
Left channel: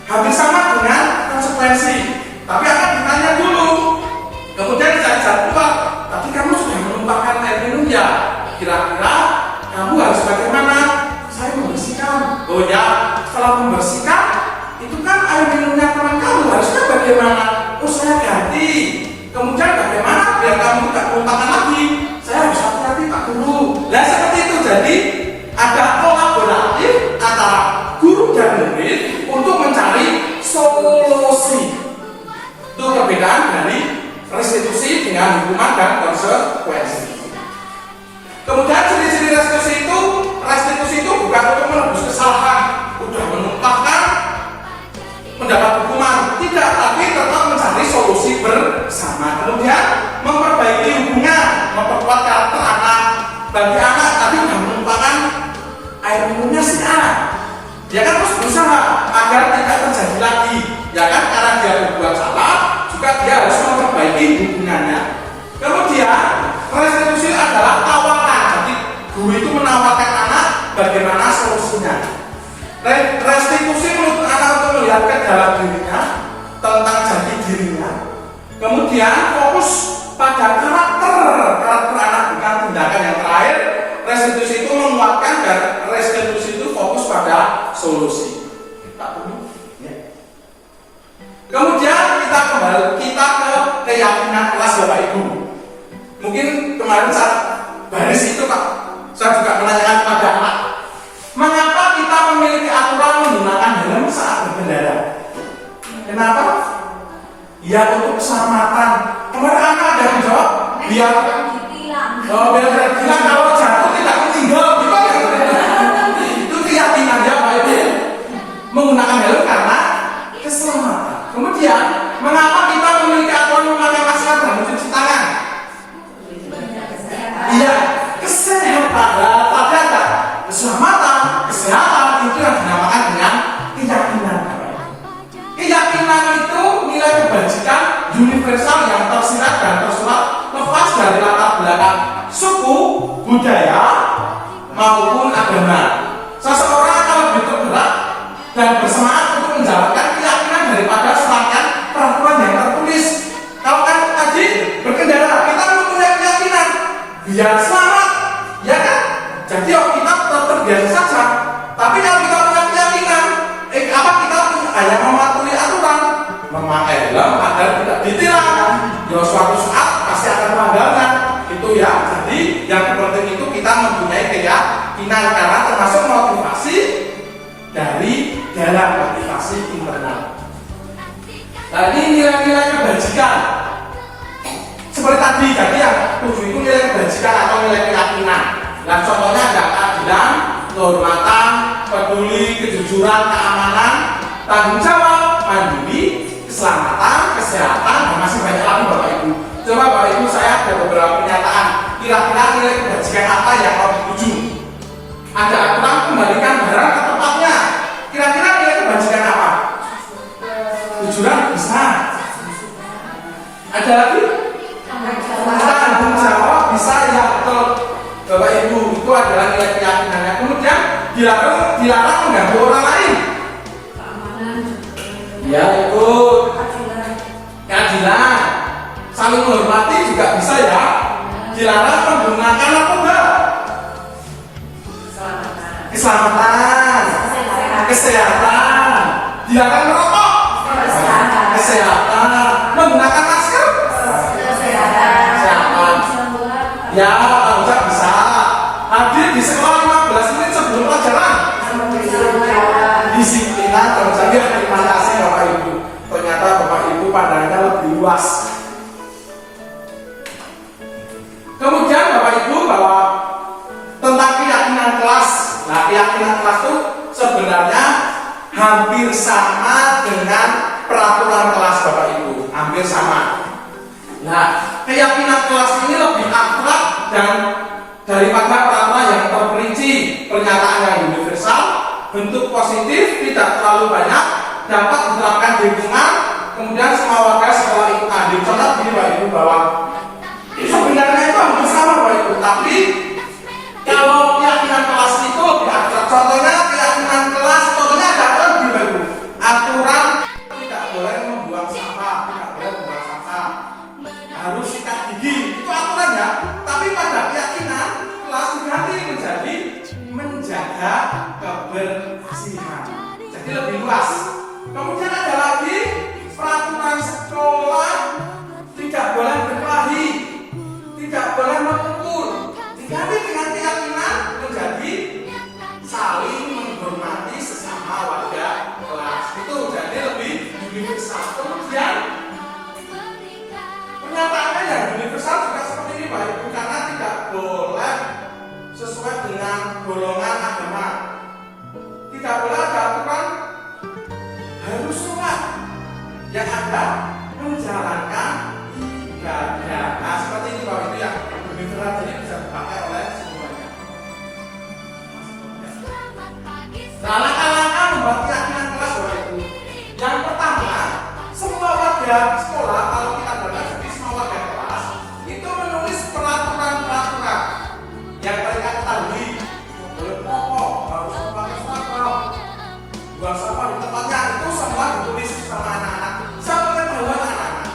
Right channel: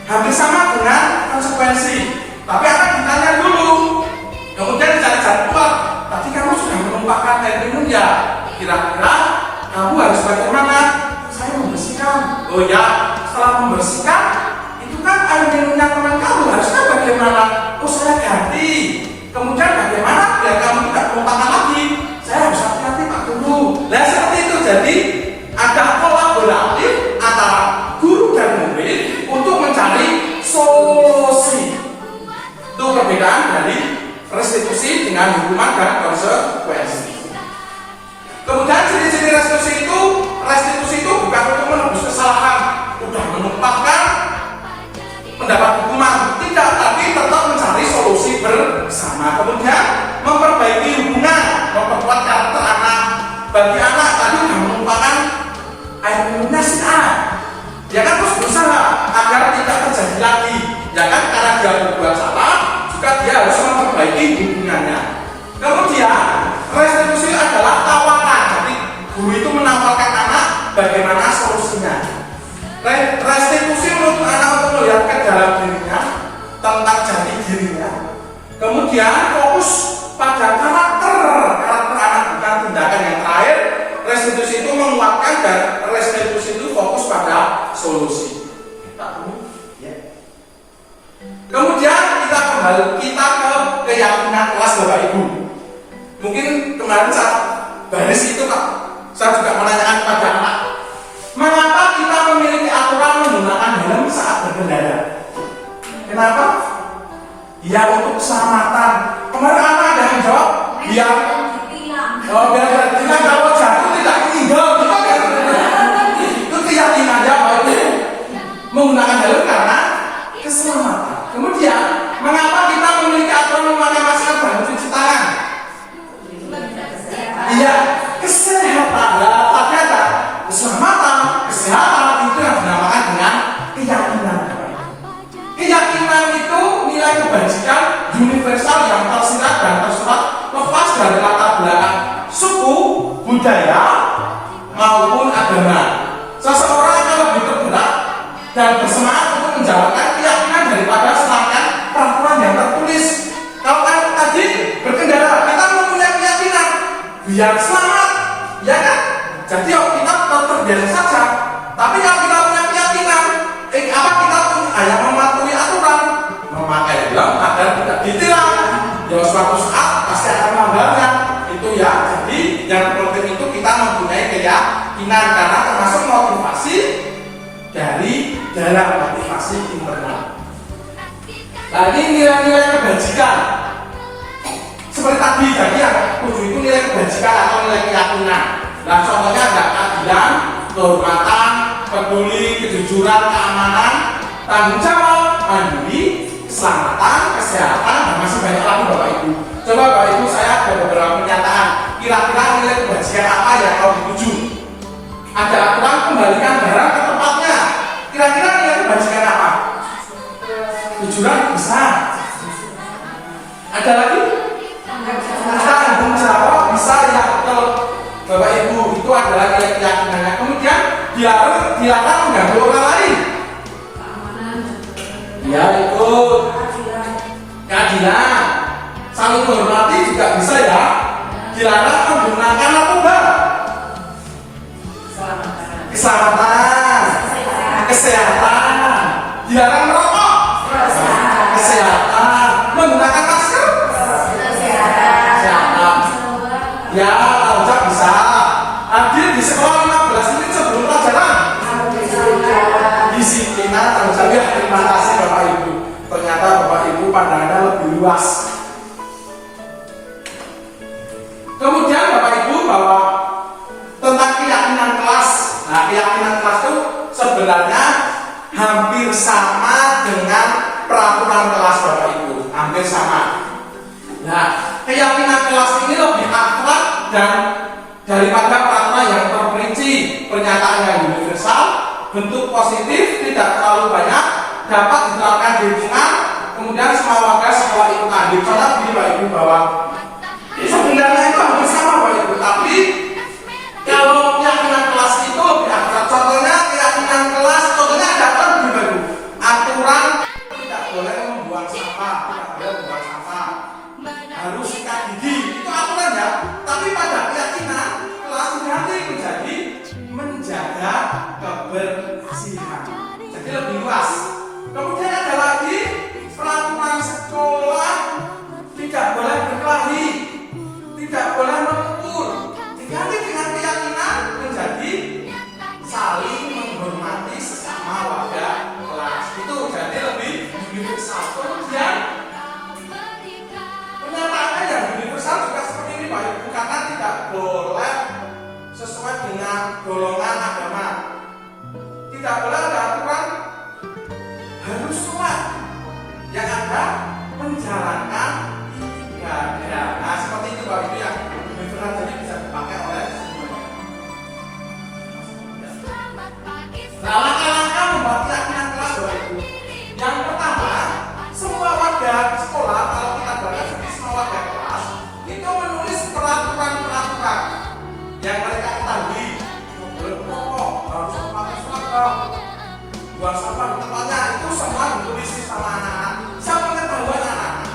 hampir sama dengan konsekuensi. Tapi akan ditanya dulu. Kemudian dicari jadwal. Tadi kamu sudah menumpahkan air minum ya. Kira-kira kamu harus bagaimana? Saya membersihkan. Oh ya, setelah membersihkan, itu kan air minumnya teman kamu. Harusnya bagaimana? Oh, saya ganti. Kemudian bagaimana biar kamu tidak menumpahkan lagi? Saya harus hati-hati Pak Guru. Nah seperti itu. Jadi ada kolaboratif antara guru dan murid untuk mencari solusi. Itu perbedaan dari restitusi dengan hukuman dan konsekuensi. Kemudian ciri-ciri restitusi itu bukan untuk menebus kesalahan, udah menumpahkan mendapat hukuman, tidak, tapi tetap mencari solusi bersama. Kemudian memperbaiki hubungan, memperkuat karakter anak. Bagi anak tadi udah menumpahkan air minumnya si anak, ya kan, terus berusaha agar tidak terjadi lagi, ya kan, karena dia berbuat salah juga dia harus memperbaiki hubungannya. Kemudian restitusi adalah tawaran. Jadi guru itu menawarkan anak bagaimana solusinya. Restitusi menuntut anak untuk melihat ke dalam dirinya, tentang jati dirinya. Kemudian fokus pada karakter anak, bukan tindakan yang terakhir. Restitusi itu menguatkan dan restitusi itu fokus pada solusi. Kemudian kita ke keyakinan kelas Bapak Ibu. Mungkin kemarin saat baris itu Pak, saya juga menanyakan kepada anak, mengapa kita memiliki aturan menggunakan helm saat berkendara? Kenapa? Ya untuk keselamatan. Kemarin anak ada yang jawab, biar berarti kalau jatuh tidak ditinggal. Itu keyakinannya Pak Ibu. Menggunakan helm karena keselamatan. Kemudian, mengapa kita memiliki aturan memakai masker dan mencuci tangan? Iya, kesehatan. Tapi ada keselamatan, kesehatan itu yang dinamakan dengan keyakinan. Keyakinan itu nilai kebajikan universal yang tersirat dan tersurat lepas dari latar belakang suku, budaya maupun agama. Seseorang akan lebih tergerak dan bersemangat untuk menjalankan keyakinan daripada serangkaian peraturan yang tertulis. Kalau kayak tadi berkendara, kita mempunyai keyakinan biar selamat, ya kan? Jadi kita terbiasa saja. Tapi kalau kita punya keyakinan, kita hanya mematuhi aturan, memakai helm agar tidak ditilang. Ya suatu saat pasti akan melanggarnya. Itu ya. Jadi yang penting itu kita mempunyai keyakinan karena termasuk motivasi dari dalam motivasi internal. Nah ini nilai-nilai kebajikan. Seperti tadi yang 7 itu nilai kebajikan atau nilai keyakinan. Nah contohnya ada keadilan, kehormatan, peduli, kejujuran, keamanan, tanggung jawab, mandiri, keselamatan, kesehatan, dan masih banyak lagi Bapak Ibu. Coba Bapak Ibu ada beberapa pernyataan. Kira-kira nilai kebajikan apa yang mau dituju? Ada aturan kembalikan barang ke tempatnya. Kira-kira nilai kebajikan apa? Tujuan bisa. Ada lagi? Tanggung jawab bisa, ya betul. Bapak Ibu, itu adalah nilai keyakinannya. Kemudian dilarang mengganggu orang lain. Ya itu keadilan. Saling menghormati juga bisa ya. Dilarang menggunakan narkoba. Keselamatan. Kesehatan. Dilarang merokok. Kesehatan. Menggunakan masker. Kesehatan. Ya, tidak bisa. Hadir di sekolah 15 menit sebelum pelajaran. Disiplinan terjaga. Terima kasih Bapak Ibu. Ternyata Bapak Ibu pandangannya lebih luas. Kemudian Bapak Ibu bahwa tentang keyakinan kelas. Nah, keyakinan kelas itu sebenarnya hampir sama dengan peraturan kelas Bapak Ibu. Hampir sama. Nah, keyakinan kelas ini lebih abstrak dan daripada peraturan yang terperinci. Pernyataan yang universal, bentuk positif, tidak terlalu banyak, dapat diterapkan di lingkungan, kemudian semua warga sekolah ikut andil. Contoh begini Bapak Ibu bahwa sebenarnya itu hampir sama Bapak Ibu, tapi kalau keyakinan kelas itu lebih abstrak. Contohnya keyakinan kelas, contohnya ada aturan begini Bapak Ibu. Aturan tidak boleh membuang sampah, tidak boleh membuang sampah, harus sikat gigi, itu aturan ya. Tapi pada keyakinan kelas diganti menjadi menjaga kebersihan, jadi lebih luas. Kemudian ada lagi peraturan sekolah tidak boleh berkelahi, tidak boleh memukul, diganti dengan keyakinan menjadi saling menghormati sesama warga kelas. Itu jadi lebih universal. Kemudian pernyataannya yang universal juga seperti ini Pak Ibu, karena tidak boleh sesuai dengan golongan agama. Tidak boleh ada aturan harus sholat, yang ada menjalankan ibadah. Nah seperti itu Bapak Ibu ya, universal jadi bisa dipakai oleh semuanya. Nah langkah-langkah membuat keyakinan kelas Bapak Ibu. Yang pertama, semua warga sekolah, kalau kita baca di semua warga kelas itu menulis peraturan-peraturan yang mereka ketahui. Boleh merokok, harus memakai seragam, buang sampah di tempatnya, itu semua ditulis sama anak-anak. Siapa ketahuan anak-anak.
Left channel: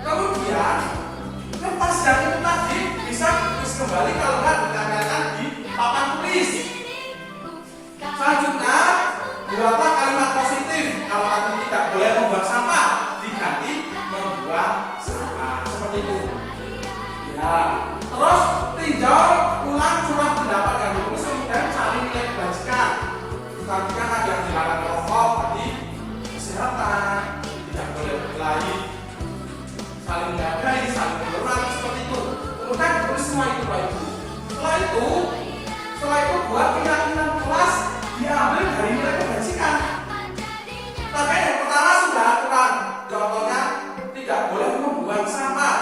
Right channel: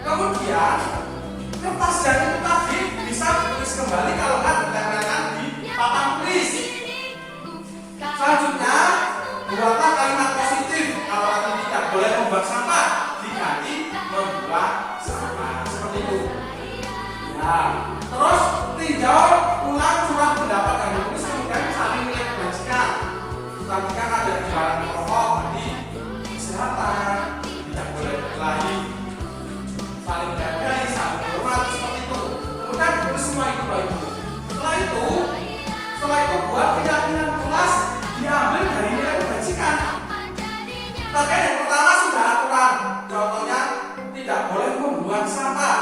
Kemudian kertas yang itu tadi bisa ditulis kembali kalau nggak ditempelkan di papan tulis. Selanjutnya buatlah kalimat positif. Kalau ada tidak boleh membuang sampah, diganti membuang sampah, seperti itu. Nah, terus tinjau ulang surat pendapat yang ditulis, kemudian saling nilai kebajikan. Kebajikan ada dilarang merokok, tadi kesehatan, tidak boleh berkelahi, saling menghargai, saling menghormati, seperti itu. Kemudian ditulis semua itu Bapak Ibu. Setelah itu buat keyakinan kelas diambil dari nilai kebajikan. Maka yang pertama sudah aturan. Contohnya tidak boleh membuang sampah,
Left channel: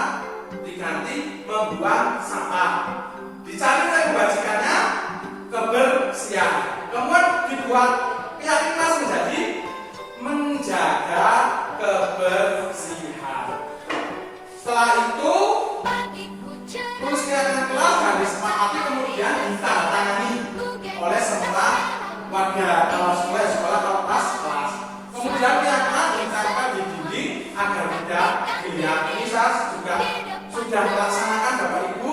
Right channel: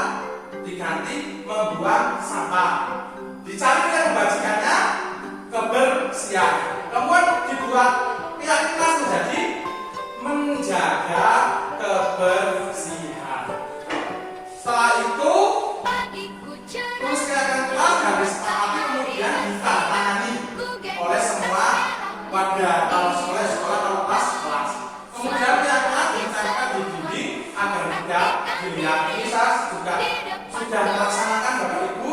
diganti membuang sampah. Dicari nilai kebajikannya kebersihan. Kemudian dibuat keyakinan menjadi menjaga kebersihan. Setelah itu terus keyakinan kelas dan disepakati kemudian ditandatangani oleh semua warga. Kalau sekolah kalau kelas. Kemudian keyakinan ditandatangani di dinding agar tidak dilihat. Ini saya juga sudah melaksanakan Bapak Ibu.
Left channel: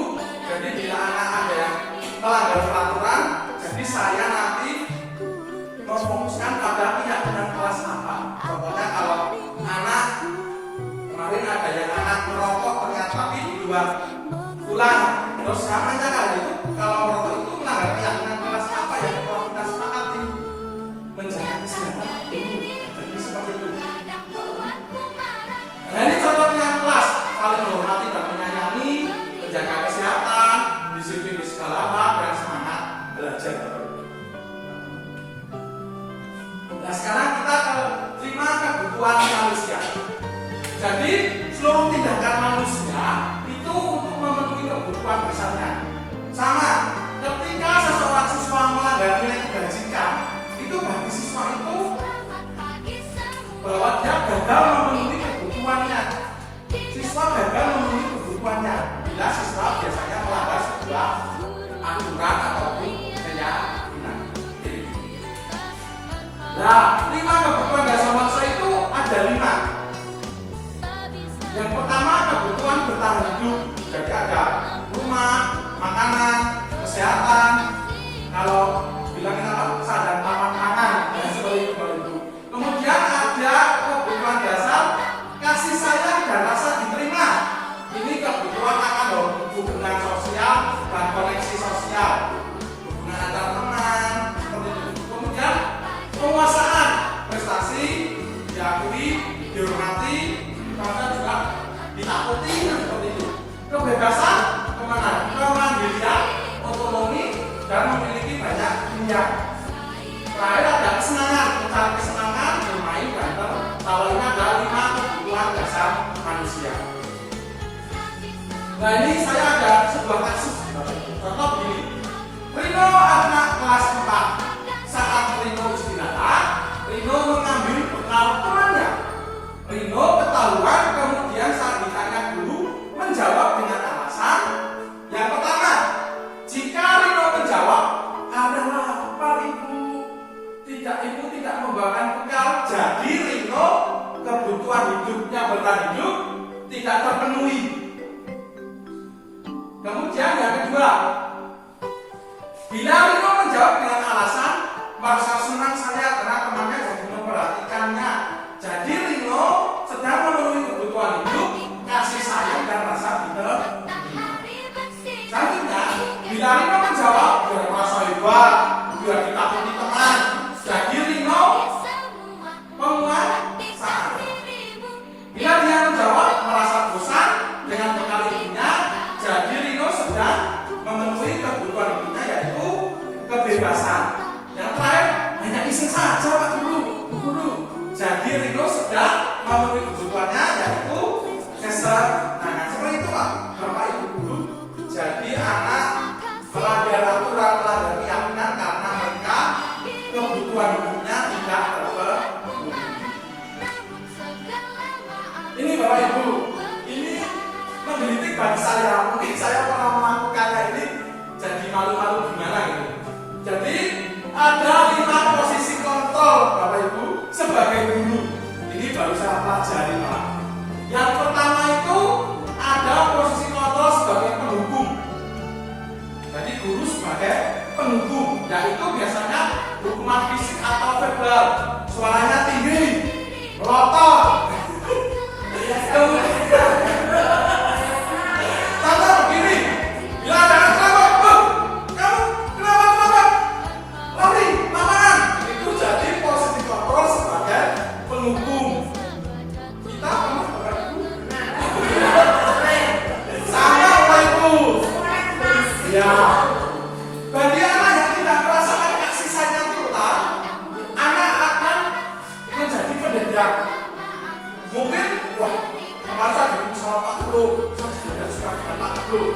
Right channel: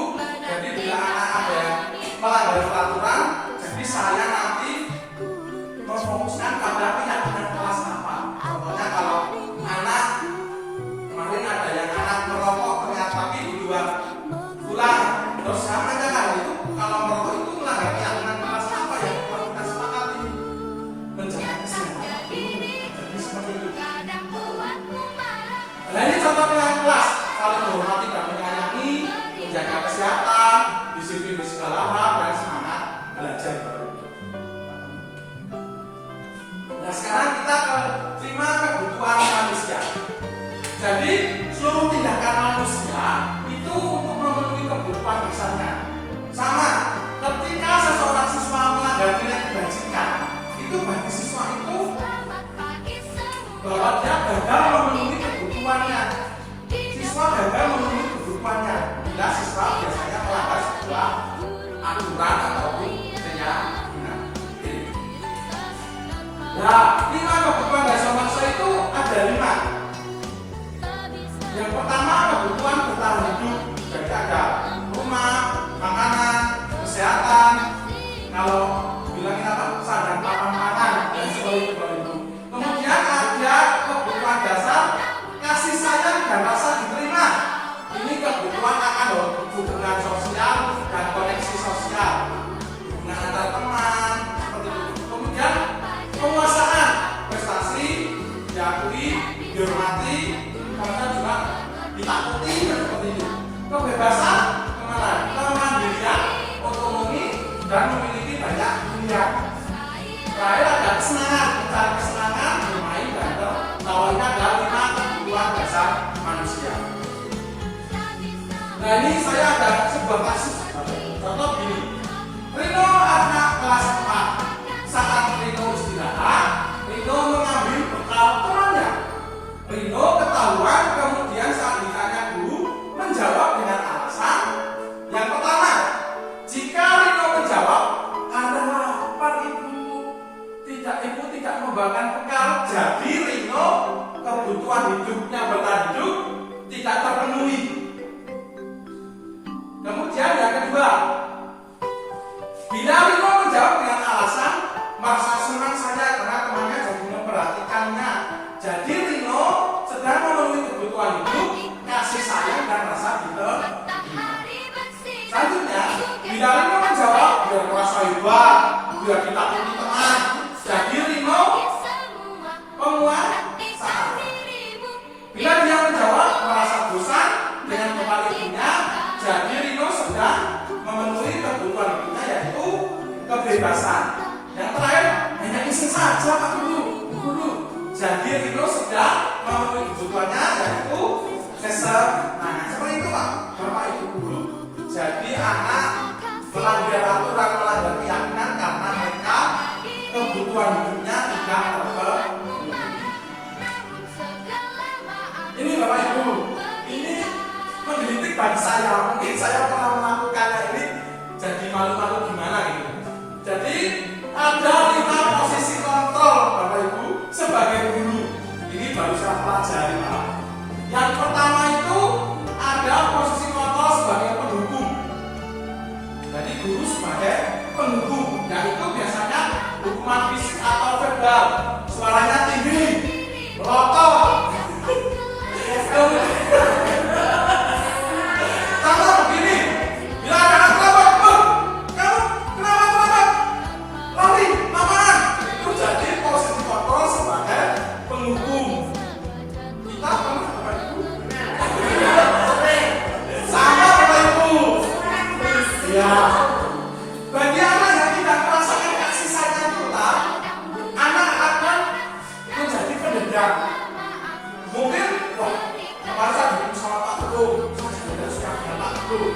Jadi bila anak ada yang melanggar peraturan, jadi saya nanti memfokuskan pada keyakinan kelas apa. Contohnya kalau anak kemarin ada yang anak merokok ternyata tapi dibuang pulang, terus sama aja kan itu kalau merokok itu melanggar keyakinan kelas apa yang perlu kita sepakati menjaga kesehatan. Jadi seperti itu. Nah ini contohnya kelas paling menghormati dan menyayangi, menjaga kesehatan, disiplin di segala hal dan semangat belajar. Nah sekarang kita ke 5 kebutuhan manusia. Jadi seluruh tindakan manusia itu untuk kebebasan kemana? Kemandirian, otonomi, dan memiliki banyak pilihan. Terakhir ada kesenangan, mencari kesenangan, bermain, berantem. Bahwa ini adalah 5 kebutuhan dasar manusia. Nah ini saya ada sebuah kasus. Contoh begini, Rino anak kelas 4. Saat Rino istirahat, Rino mengambil bekal temannya. Rino ketahuan, kemudian saat ditanya guru menjawab dengan alasan yang pertama. Jika Rino menjawab, ada lapar ibu tidak membawakan bekal, jadi Rino kebutuhan hidupnya bertahan hidup tidak terpenuhi. Kemudian yang kedua, bila Rino menjawab dengan alasan merasa senang saya karena temannya jadi memperhatikannya, jadi Rino sedang memenuhi kebutuhan hidup, kasih sayang dan rasa diterima. Selanjutnya, bila Rino menjawab biar merasa hebat, biar ditakuti teman, jadi Rino penguasa. Bila dia menjawab merasa bosan dengan bekal ibunya, jadi Rino sedang memenuhi kebutuhan hidupnya yaitu kebebasan. Yang terakhir, hanya isi saja Pak Guru. Jadi Rino sedang memenuhi kebutuhannya yaitu kesenangan. Seperti itu Pak, Bapak Ibu Guru. Jadi anak melanggar aturan, melanggar keyakinan karena mereka kebutuhan hidupnya tidak terpenuhi. Ini Bapak Ibu, ini menggelitik bagi saya. Mungkin saya pernah melakukannya ini jadi malu-malu gimana gitu. Jadi ada 5 posisi kontrol Bapak Ibu sebagai guru. Ini baru saya pelajari Pak. Yang pertama itu ada posisi kontrol sebagai penghubung. Jadi guru sebagai penghubung, yaitu biasanya hukuman fisik atau verbal, suaranya tinggi, rokok. Contoh begini, bila ada anak kamu kenapa? Lari, amanah. Itu jadi posisi kontrol sebagai penghubung. Kita pernah Bapak Ibu? Sama Bapak Ibu. Ya. Bagi anak yang tidak merasakan kasih sayang total, anak akan menjadi pendendam. Mungkin, wah, masa gitu sama Pak Guru, saya suka dengan Pak Guru.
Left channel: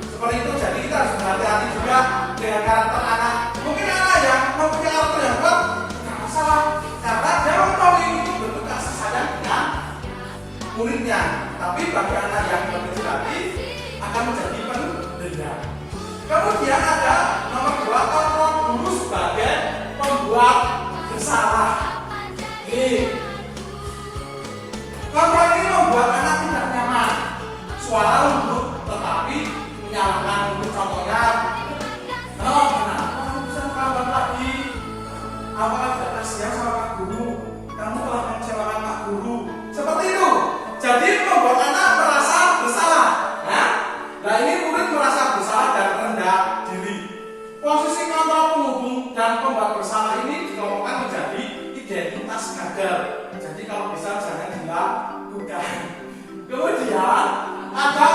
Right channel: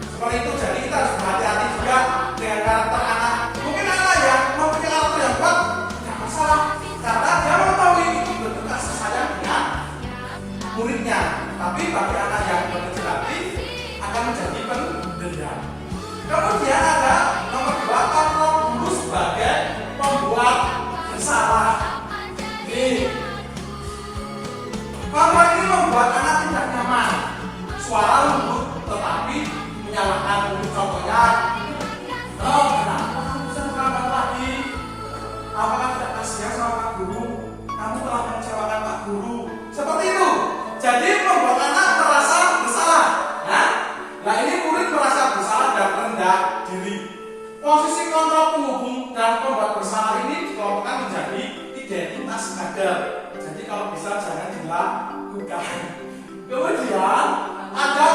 Seperti itu, jadi kita harus hati-hati juga dengan karakter anak. Mungkin anak yang mempunyai karakter yang kuat, tidak masalah, karena dia mengetahui itu bentuk kasih sayang dengan muridnya. Tapi bagi anak yang berkecil hati akan menjadi pendendam. Kemudian ada nomor 2, kontrol guru sebagai pembuat bersalah. Kontrol ini membuat anak tidak nyaman. Suara lembut tetapi menyalahkan guru. Contohnya, kenapa kamu bisa terlambat lagi? Apakah tidak kasihan sama Pak Guru? Kamu telah mengecewakan Pak Guru. Seperti itu. Jadi membuat anak merasa bersalah. Ya? Nah ini murid merasa bersalah dan rendah diri. Posisi kontrol penghubung dan pembuat bersalah ini dikelompokkan menjadi identitas kader. Jadi kalau bisa jangan dilakukan. Kemudian ada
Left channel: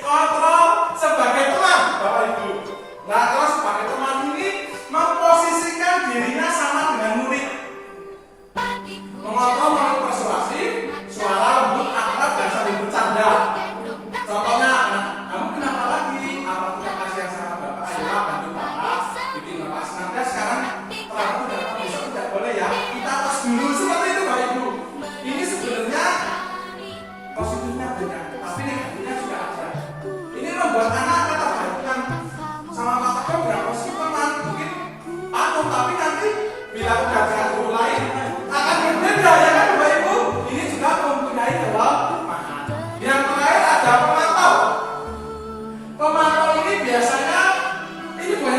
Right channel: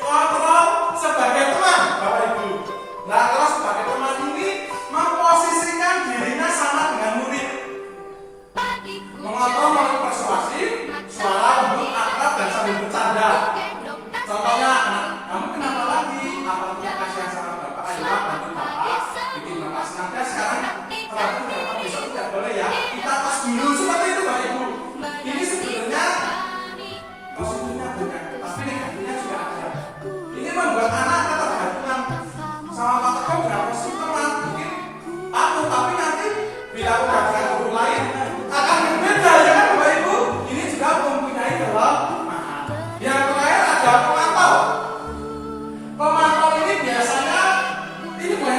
kontrol sebagai teman, Bapak Ibu. Nah kalau sebagai teman ini memposisikan dirinya sama dengan murid, mengontrol melalui persuasif, suara lembut, akrab dan sambil bercanda. Contohnya, kamu kenapa lagi? Apa tidak kasihan sama Bapak? Ayolah bantu Bapak, bikin Bapak senang. Dan sekarang kalau Bapak besok tidak boleh ya, kita pas dulu seperti itu Bapak Ibu. Ini sebenarnya positifnya bukan, tapi negatifnya juga ada. Ini membuat anak ketergantungan sama Bapak. Kamu nggak positif teman, mungkin patuh, tapi nanti bila udah dengan guru lain akan berbeda ya kan Bapak Ibu. Ini juga mempunyai kelemahan. Yang terakhir ada pemantau. Pemantau ini biasanya ini bukan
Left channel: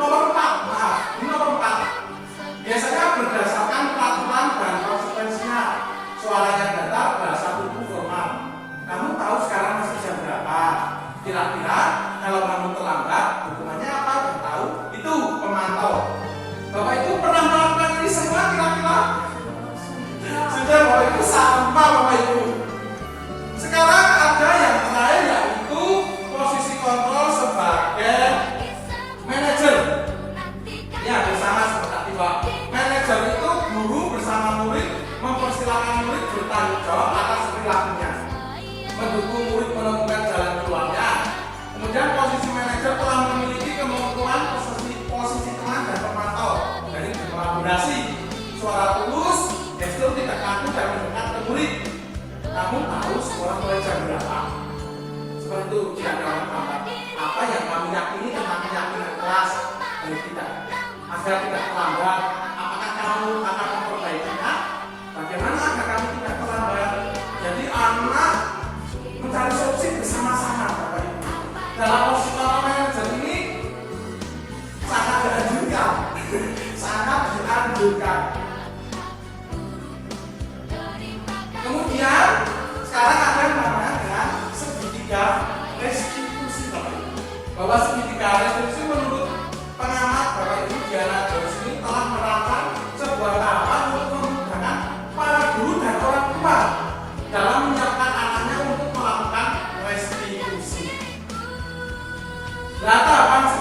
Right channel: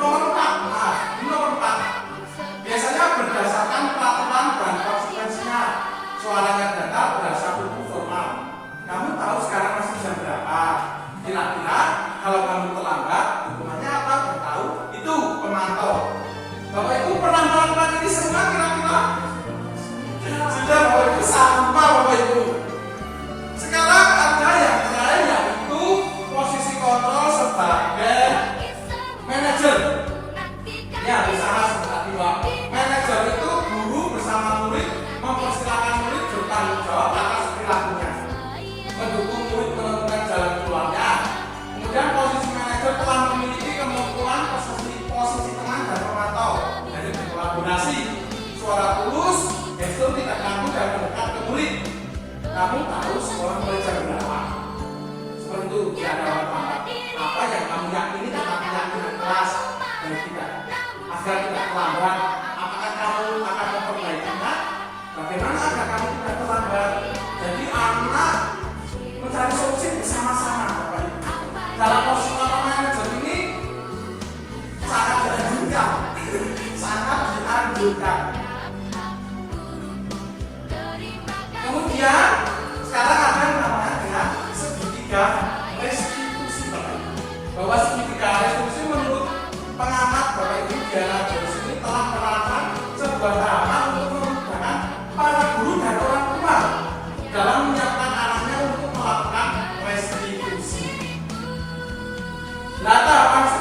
nomor 4. Ini nomor 4. Biasanya berdasarkan peraturan dan konsekuensinya. Suaranya datar, bahasa tubuh formal. Kamu tahu sekarang masih jam berapa? Kira-kira kalau kamu terlambat, hukumannya apa? Kamu tahu? Itu pemantau. Bapak Ibu pernah melakukan ini semua kira-kira? Sudah Bapak Ibu sama Bapak Ibu. Sekarang ada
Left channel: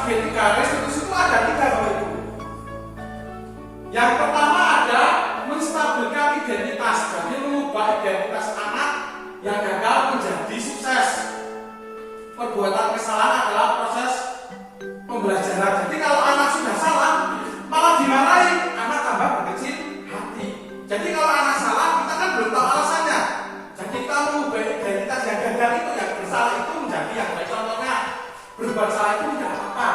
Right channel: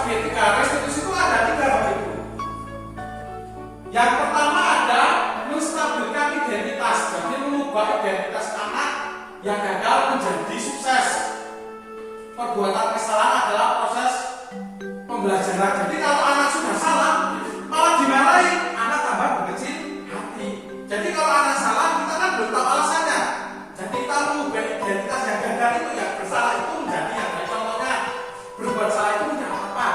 segitiga garis lurus itu ada 3 Bapak Ibu. Yang pertama ada menstabilkan identitas, jadi mengubah identitas anak yang gagal menjadi sukses. Perbuatan kesalahan adalah proses pembelajaran. Jadi kalau anak sudah salah, malah dimarahi, anak tambah berkecil hati. Jadi kalau anak salah, kita kan belum tahu alasannya. Jadi kita mengubah identitas yang gagal itu, yang bersalah itu menjadi yang baik. Contohnya, berbuat salah itu menjadi apa?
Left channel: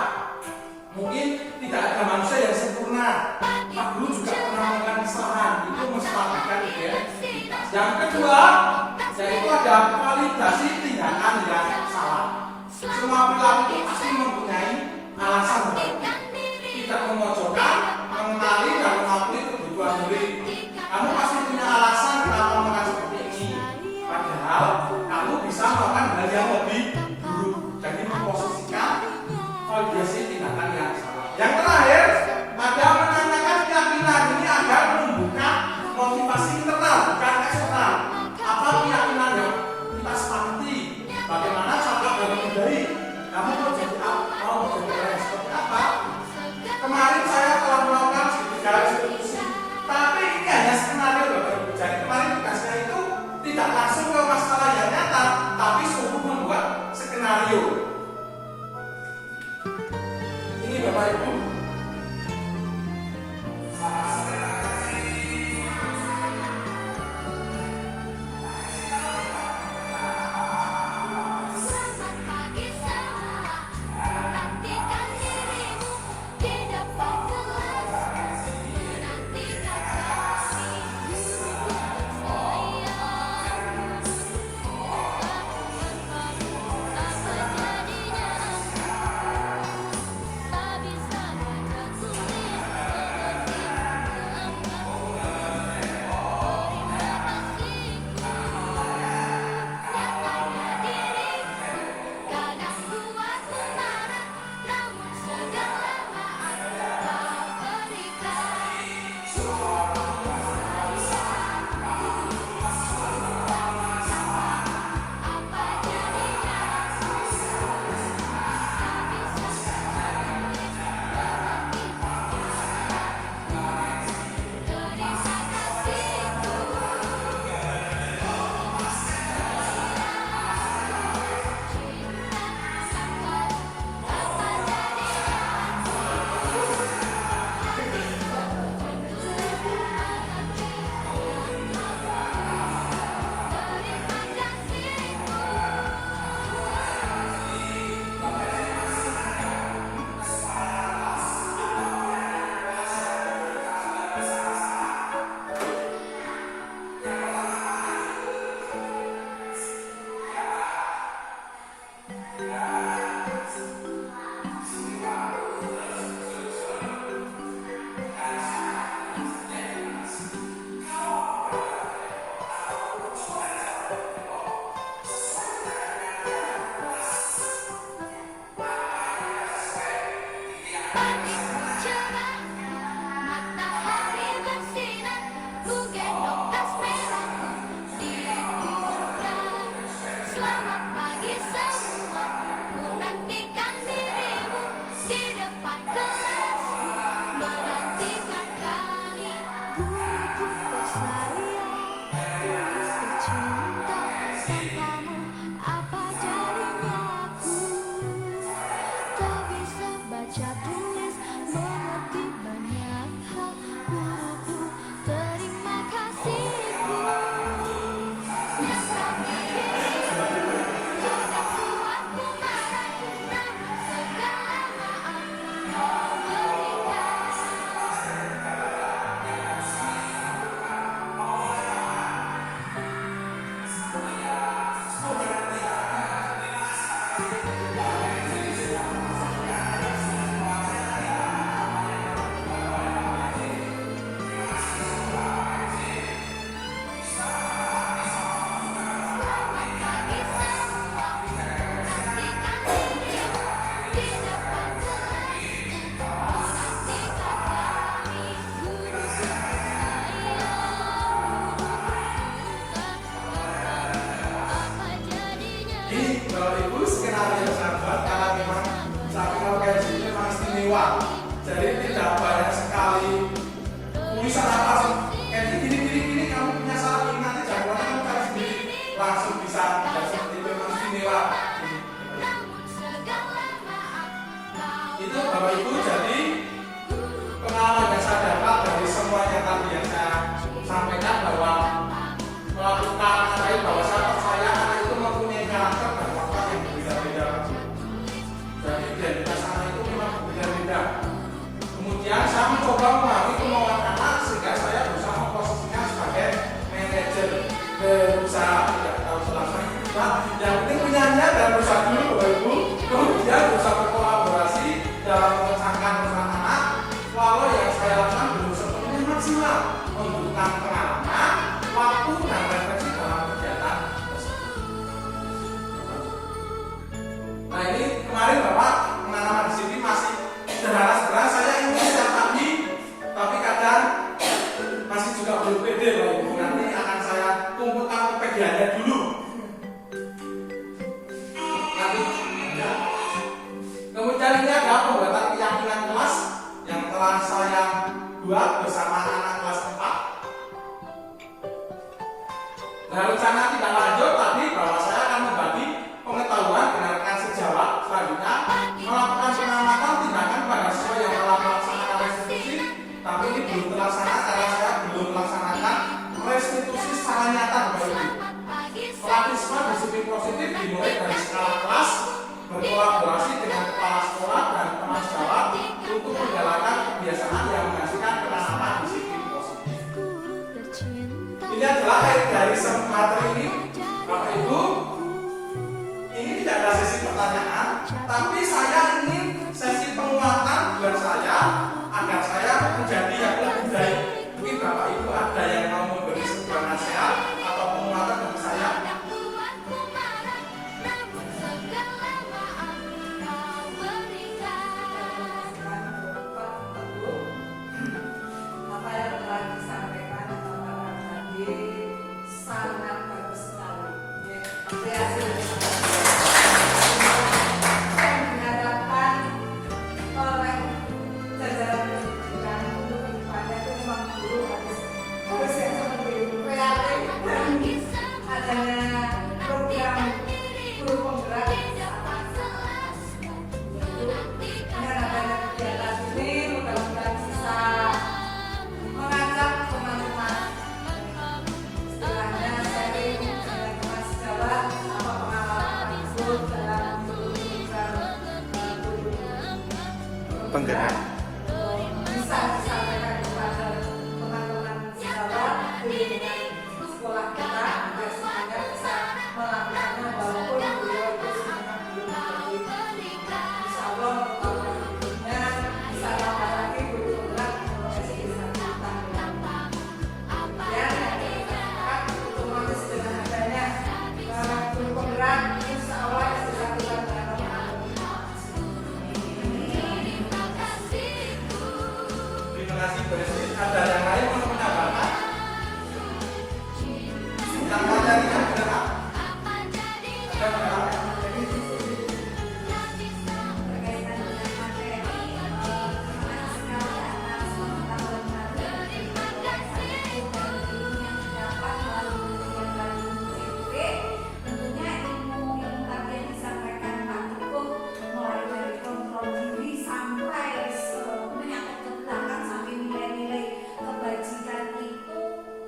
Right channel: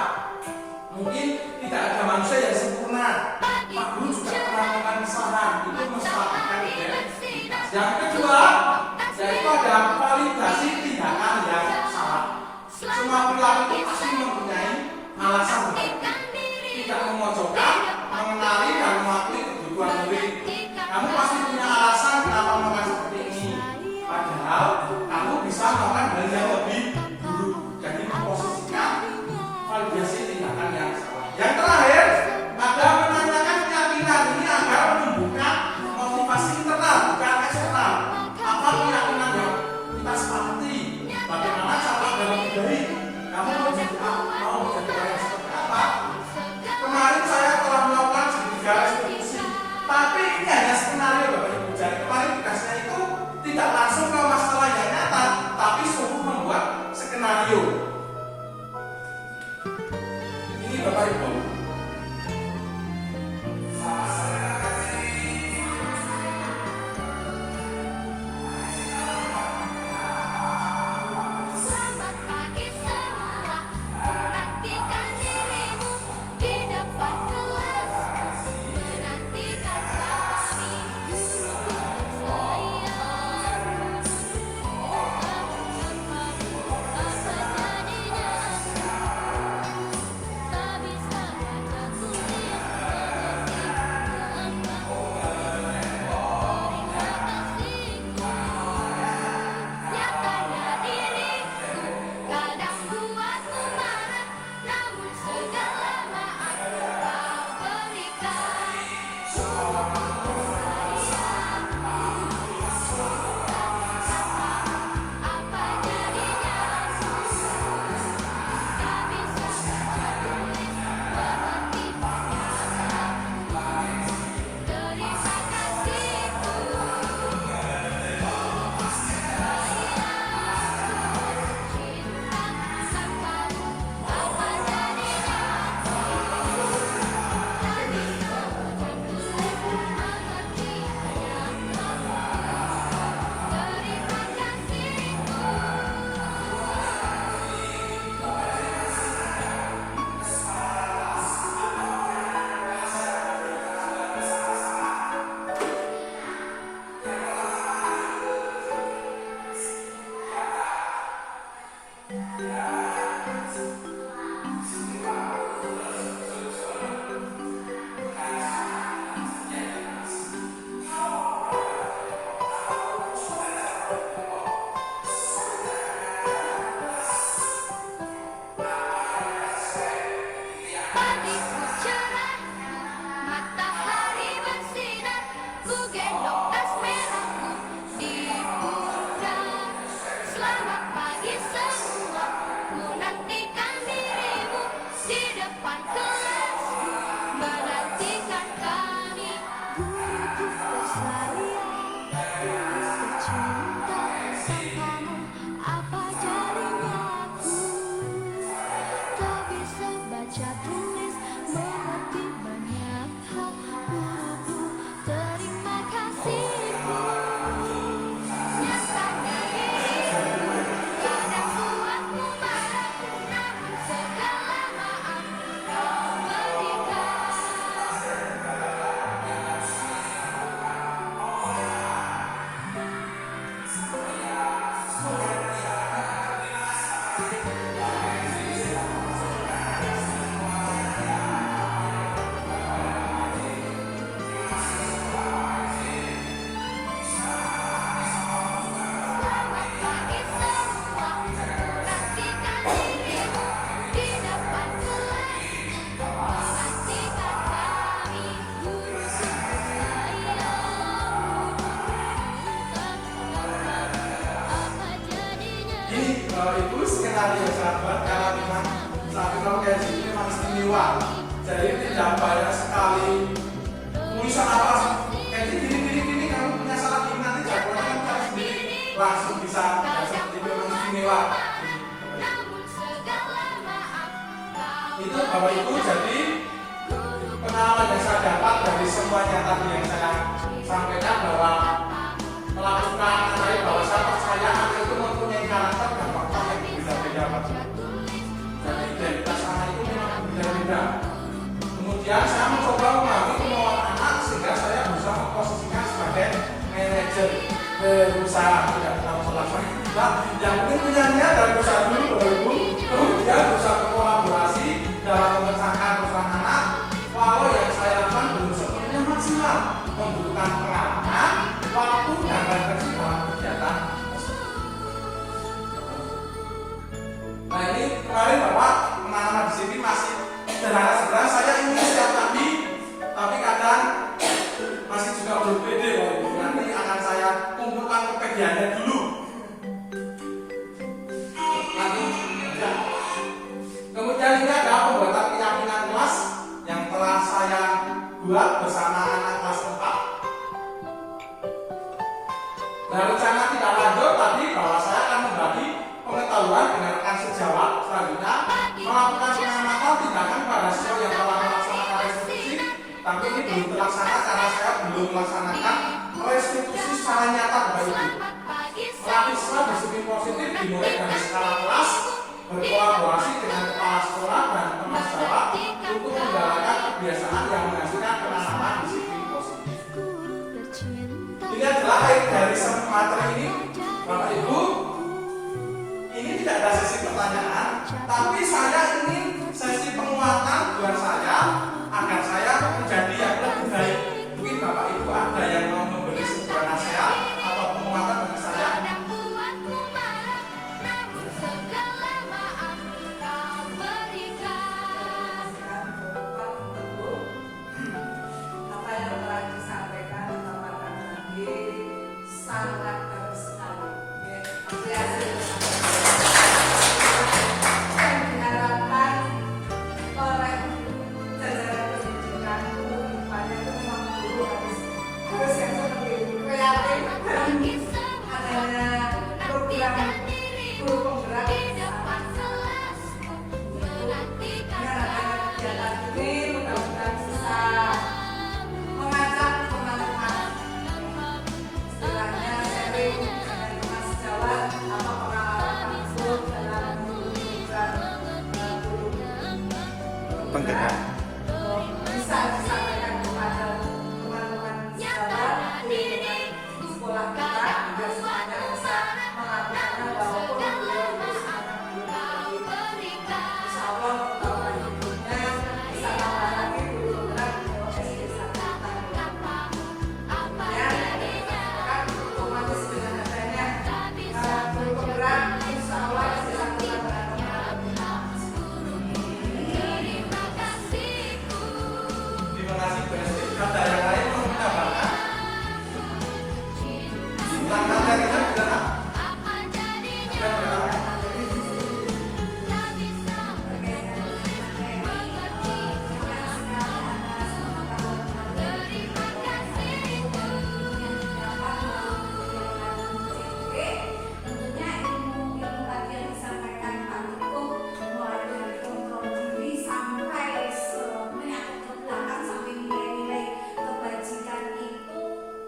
Mungkin tidak ada manusia yang sempurna. Pak Guru juga pernah melakukan kesalahan, itu menstabilkan identitas. Yang kedua, yaitu ada validasi tindakan yang salah. Semua perilaku pasti mempunyai alasan berbeda. Tidak memojokkan, mengenali dan mengakui kebutuhan murid. Kamu pasti punya alasan kenapa melakukan seperti ini. Padahal kamu bisa melakukan hal yang lebih buruk. Jadi memposisikan validasi tindakan yang salah. Yang terakhir, ada menanyakan keyakinan ini agar membuka motivasi internal, bukan eksternal. Apa keyakinan yang kita sepakati? Bagaimana cara dalam pribadi? Kamu mau jadi orang yang seperti apa? Kemarin saya telah melakukan segitiga eksekusi, tapi ini hanya skenario Bapak Ibu. Jadi kemarin tugasnya itu tidak langsung ke masalah yang nyata, tapi sungguh membuat skenario. Ini Bapak Ibu. Selamat pagi semua, nantikan dirimu di depan kelas, menantikan kami guru tersayang. Tanpamu apa jadinya aku, tak bisa baca tulis mengerti gambarmu. Terima kasihku, nyatanya diriku kadang buatmu marah, namun segala maaf kau berikan. Apa jadinya aku, tak bisa baca tulis mengerti gambarmu. Terima kasihku, cinta tanpamu apa jadinya aku, tak bisa baca tulis mengerti gambarmu. Terima kasihku. Pagiku cerah, matahari bersinar, ku gendong tas merahku di pundak. Selamat pagi semua, ku nantikan dirimu di depan kelasku, menantikan kami. Guruku tersayang, guru tercinta, tanpamu apa jadinya aku, tak bisa baca tulis mengerti banyak hal. Guruku terima kasihku, nyatanya dirimu kadang buatmu marah, namun segala maaf kau berikan. Selamat pagi semua, nantikan dirimu di depan kelasku, menantikan kami. Guruku tersayang, guruku tercinta, tanpamu apa jadinya. Ini Bapak Ibu skenario sahabat, kalau memang Tapi kalau kayak gini memang istimewa. Jadi tidak banyak sekali tulisan apa gini kamu punya salah ini nanti jagoannya kamu cari sendiri langsung bisa seperti itu memang istimewa. Itu Bapak Ibu jadi pengalaman yang saya dapat dari semuanya tadi yang saya sampaikan bahwa melakukan bahwa saya percaya anak itu mempunyai karakter dan watak yang berbeda-beda. Jadi identitas anak itu memang berbeda-beda. Kemudian saya mencoba memahami kemauan anak sehingga saya bisa memposisikan sebagai manajer berusaha, tidak tahu selama kita yang penting punya niat dan berusaha dulu Bapak Ibu. Kemudian berusaha berkolaborasi dalam mengerjakan urusan anak. Walau yang saya lakukan belum sepenuhnya maksimal, membutuhkan peranan, waktu dan refleksi dalam kegiatan tersebut. Nah ini kemarin Bapak pengalaman di sini masih sederhana saya ingin setiap tadi, tapi kadang masih juga belum pede loh Ibu. Nanti akan saya kumpulkan kepedeannya dulu. Nanti ya. Kemudian ini ada pembuatan keyakinan kelas yang telah saya buat bersama anak kelas 4. Nah rencana tidak lanjut tadi bahwa saya akan membagi pengetahuan dengan rekan sejawat. Selanjutnya melakukan pengamatan tindakan pada siswa yang telah melaksanakan restitusi, tapi ini belum terlaksana karena saya belum melaksanakan restitusi secara nyata Bapak Ibu. Melatih siswa disiplin positif dimulai dari skala kelas, berkolaborasi dengan kepala sekolah dan teman sejawat untuk menjalankan kebiasaan yang menghasilkan penanaman disiplin positif. Ini adalah akhir dari semacam ini Bapak Ibu. Ini tidak ada sesi pertanyaan, tapi saya ingin sesi penguatan buat saya agar saya menjadi yang lebih baik. Mungkin Bapak Ibu ada yang mau memberi sebuah nasihat atau penguatan bagi saya. Apa yang telah disampaikan kepada tadi sangat bagus sekali. Saya mengharapkan oleh jajaran pendidikan untuk depannya itu memang guru harus yang seperti kreatif dan adanya program guru penggerak Penggerak. Bisa disampaikan kepada teman-teman sejawat di sekolah kita agar semuanya bisa melakukannya walaupun beliau belum insya Allah berikutnya bisa tambah lagi guru penggerak SD 1 tahun ya otomatis dengan adanya guru penggerak insya Allah SD 1 tahun Terima kasih Bu Esti. Ada yang lain mau menambahkan? Tentang materinya sudah tentunya ilmu tadi yang disampaikan Pak Niko mulai dari kontrol diri sampai menyangkut ke belakang sampai nilai-nilai kebajikan itu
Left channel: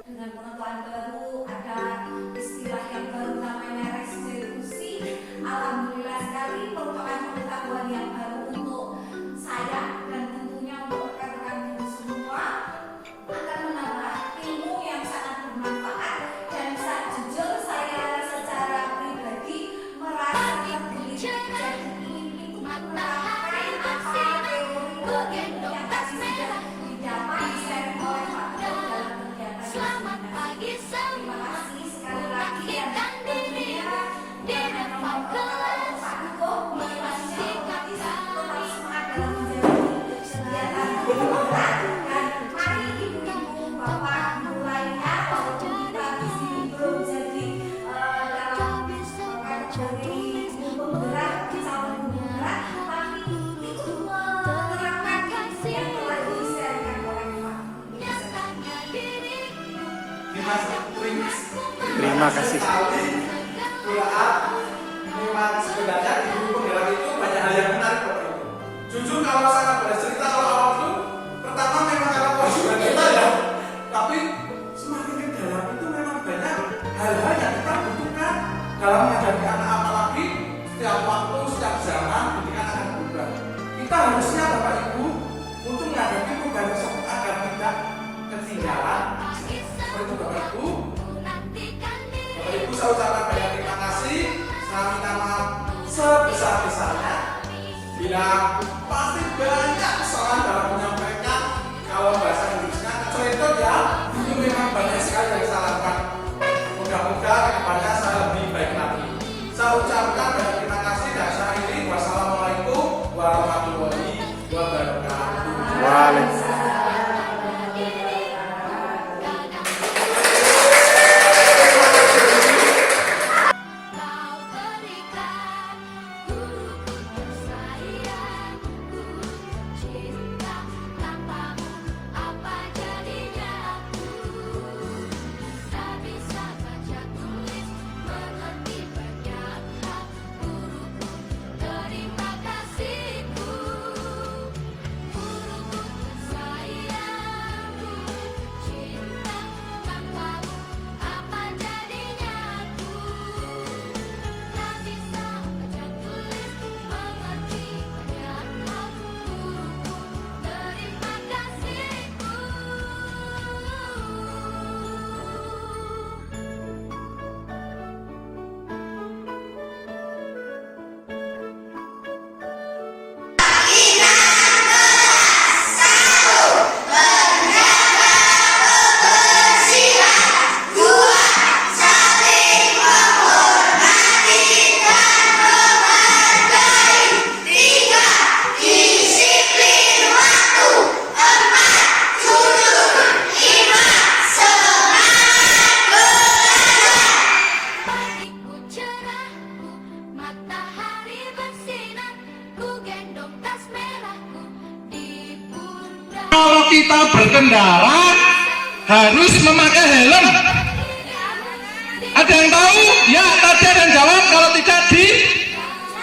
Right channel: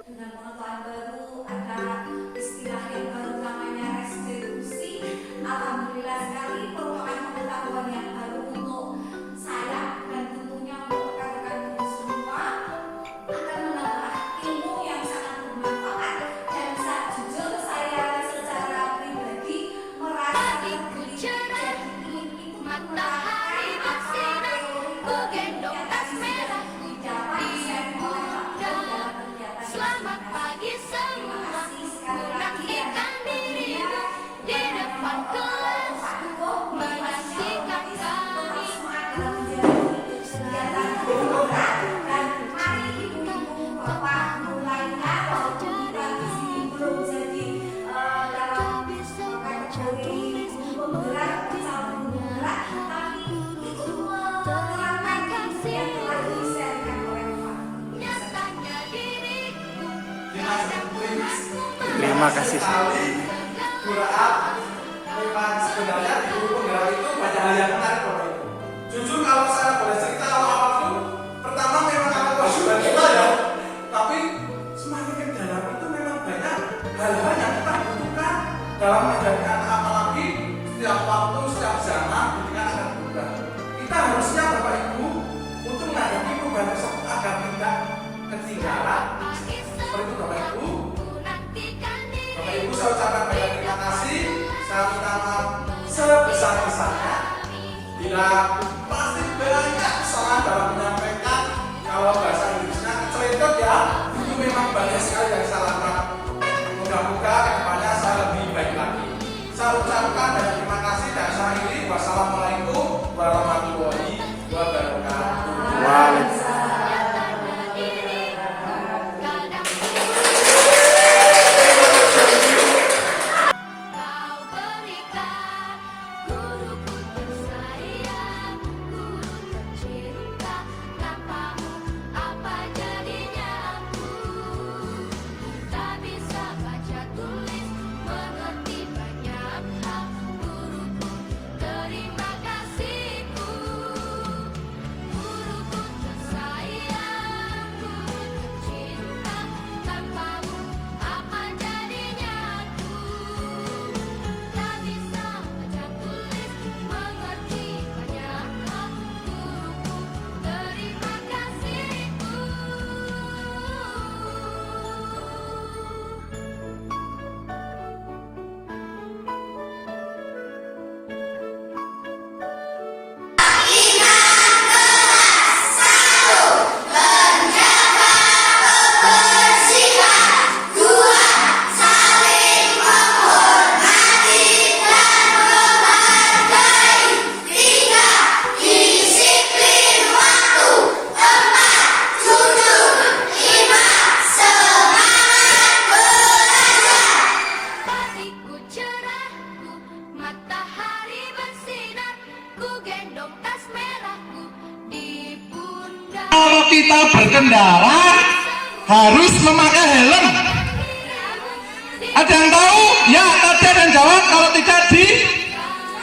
dengan pengetahuan baru, ada istilah yang baru namanya restitusi. Alhamdulillah sekali merupakan pengetahuan yang baru untuk saya dan tentunya untuk rekan-rekan guru semua, akan menambah ilmu yang sangat bermanfaat. Dan saat jujur saya secara pribadi merasa diri jadi ingin Matahari bersinar, ku gendong tas merah, selamat pagi semua, ku nantikan dirimu di depan kelas, menantikan kami. Terima kasih. Sekali, Bu Raat, memang sebenarnya di guru penggerak itu banyak hal yang menarik Bapak Ibu. Jujur kalau saya boleh cerita awal itu, pertama memang karena kewajiban kita ya, tapi semakin ke dalam itu memang banyak hal-hal yang kita butuhkan dalam menghadapi anak, apalagi setiap waktu, setiap zaman pendidikan akan berubah. Kita harusnya Bapak Ibu untuk menghadapi perubahan tersebut agar tidak ketinggalan. Seperti itu Bapak Ibu. Bapak Ibu saya ucapkan banyak terima kasih. Saya minta maaf sebesar-besarnya bila pasti banyak kesalahan dalam menyampaikan. Kalau bahasa Inggrisnya keceletot ya, itu memang banyak sekali yang saya lakukan. Moga-moga kedepannya saya lebih baik lagi. Saya ucapkan banyak terima kasih dan saya akhiri. Wassalamualaikum warahmatullahi wabarakatuh. Waalaikumsalam. Kalau kita berkendara harus memakai helm. Ada yang tahu? Ya, tadi ada yang jawab. Kalau tidak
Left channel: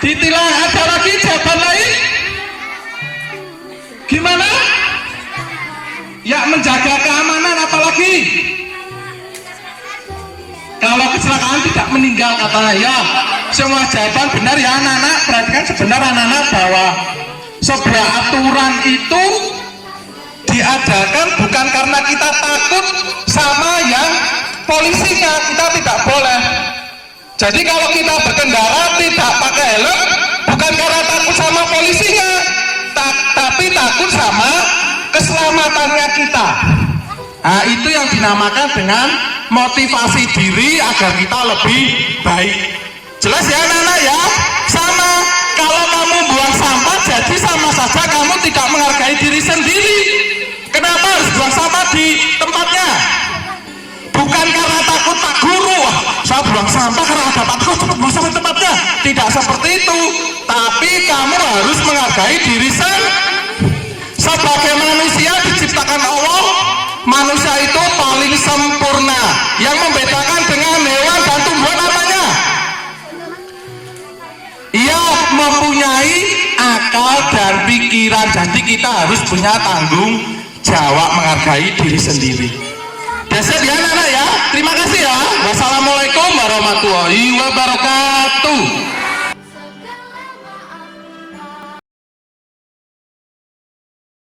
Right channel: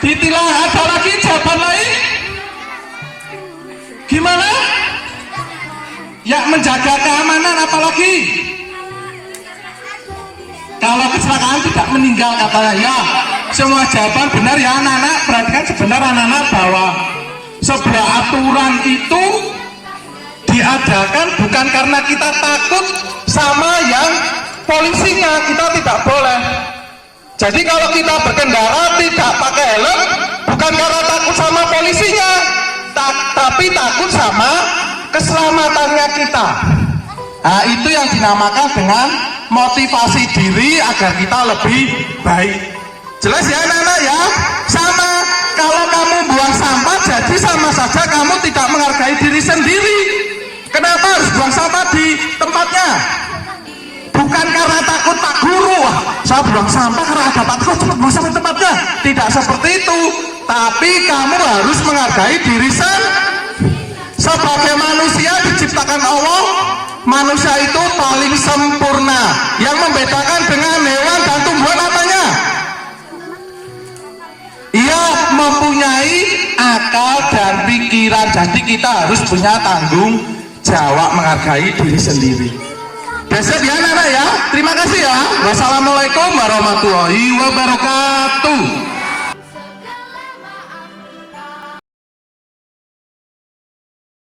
ditilang. Ada lagi jawaban lain? Gimana? Ya, menjaga keamanan apalagi? Kalau kecelakaan tidak meninggal katanya. Ya, semua jawaban benar ya anak-anak. Perhatikan sebenarnya anak-anak bahwa sebuah aturan itu diadakan bukan karena kita takut sama yang polisinya, kita tidak boleh. Jadi kalau kita berkendara tidak pakai helm bukan karena takut sama polisinya, tapi takut sama keselamatannya kita. Nah, itu yang dinamakan dengan motivasi diri agar kita lebih baik. Jelas ya anak-anak ya? Sama, kalau kamu buang sampah jadi sama saja kamu tidak menghargai diri sendiri. Kenapa harus buang sampah di tempatnya? Bukan karena takut tak guru. Saya buang sampah karena ada takut cepat buang sampah tempatnya. Tidak seperti itu. Tapi kamu harus menghargai diri sendiri. Sebagai manusia diciptakan Allah, manusia itu paling sempurna. Yang membedakan dengan hewan dan tumbuhan apanya? Ia mempunyai akal dan pikiran. Jadi kita harus punya tanggung jawab menghargai diri sendiri. Besok ya anak-anak ya. Terima kasih ya. Wassalamualaikum warahmatullahi wabarakatuh.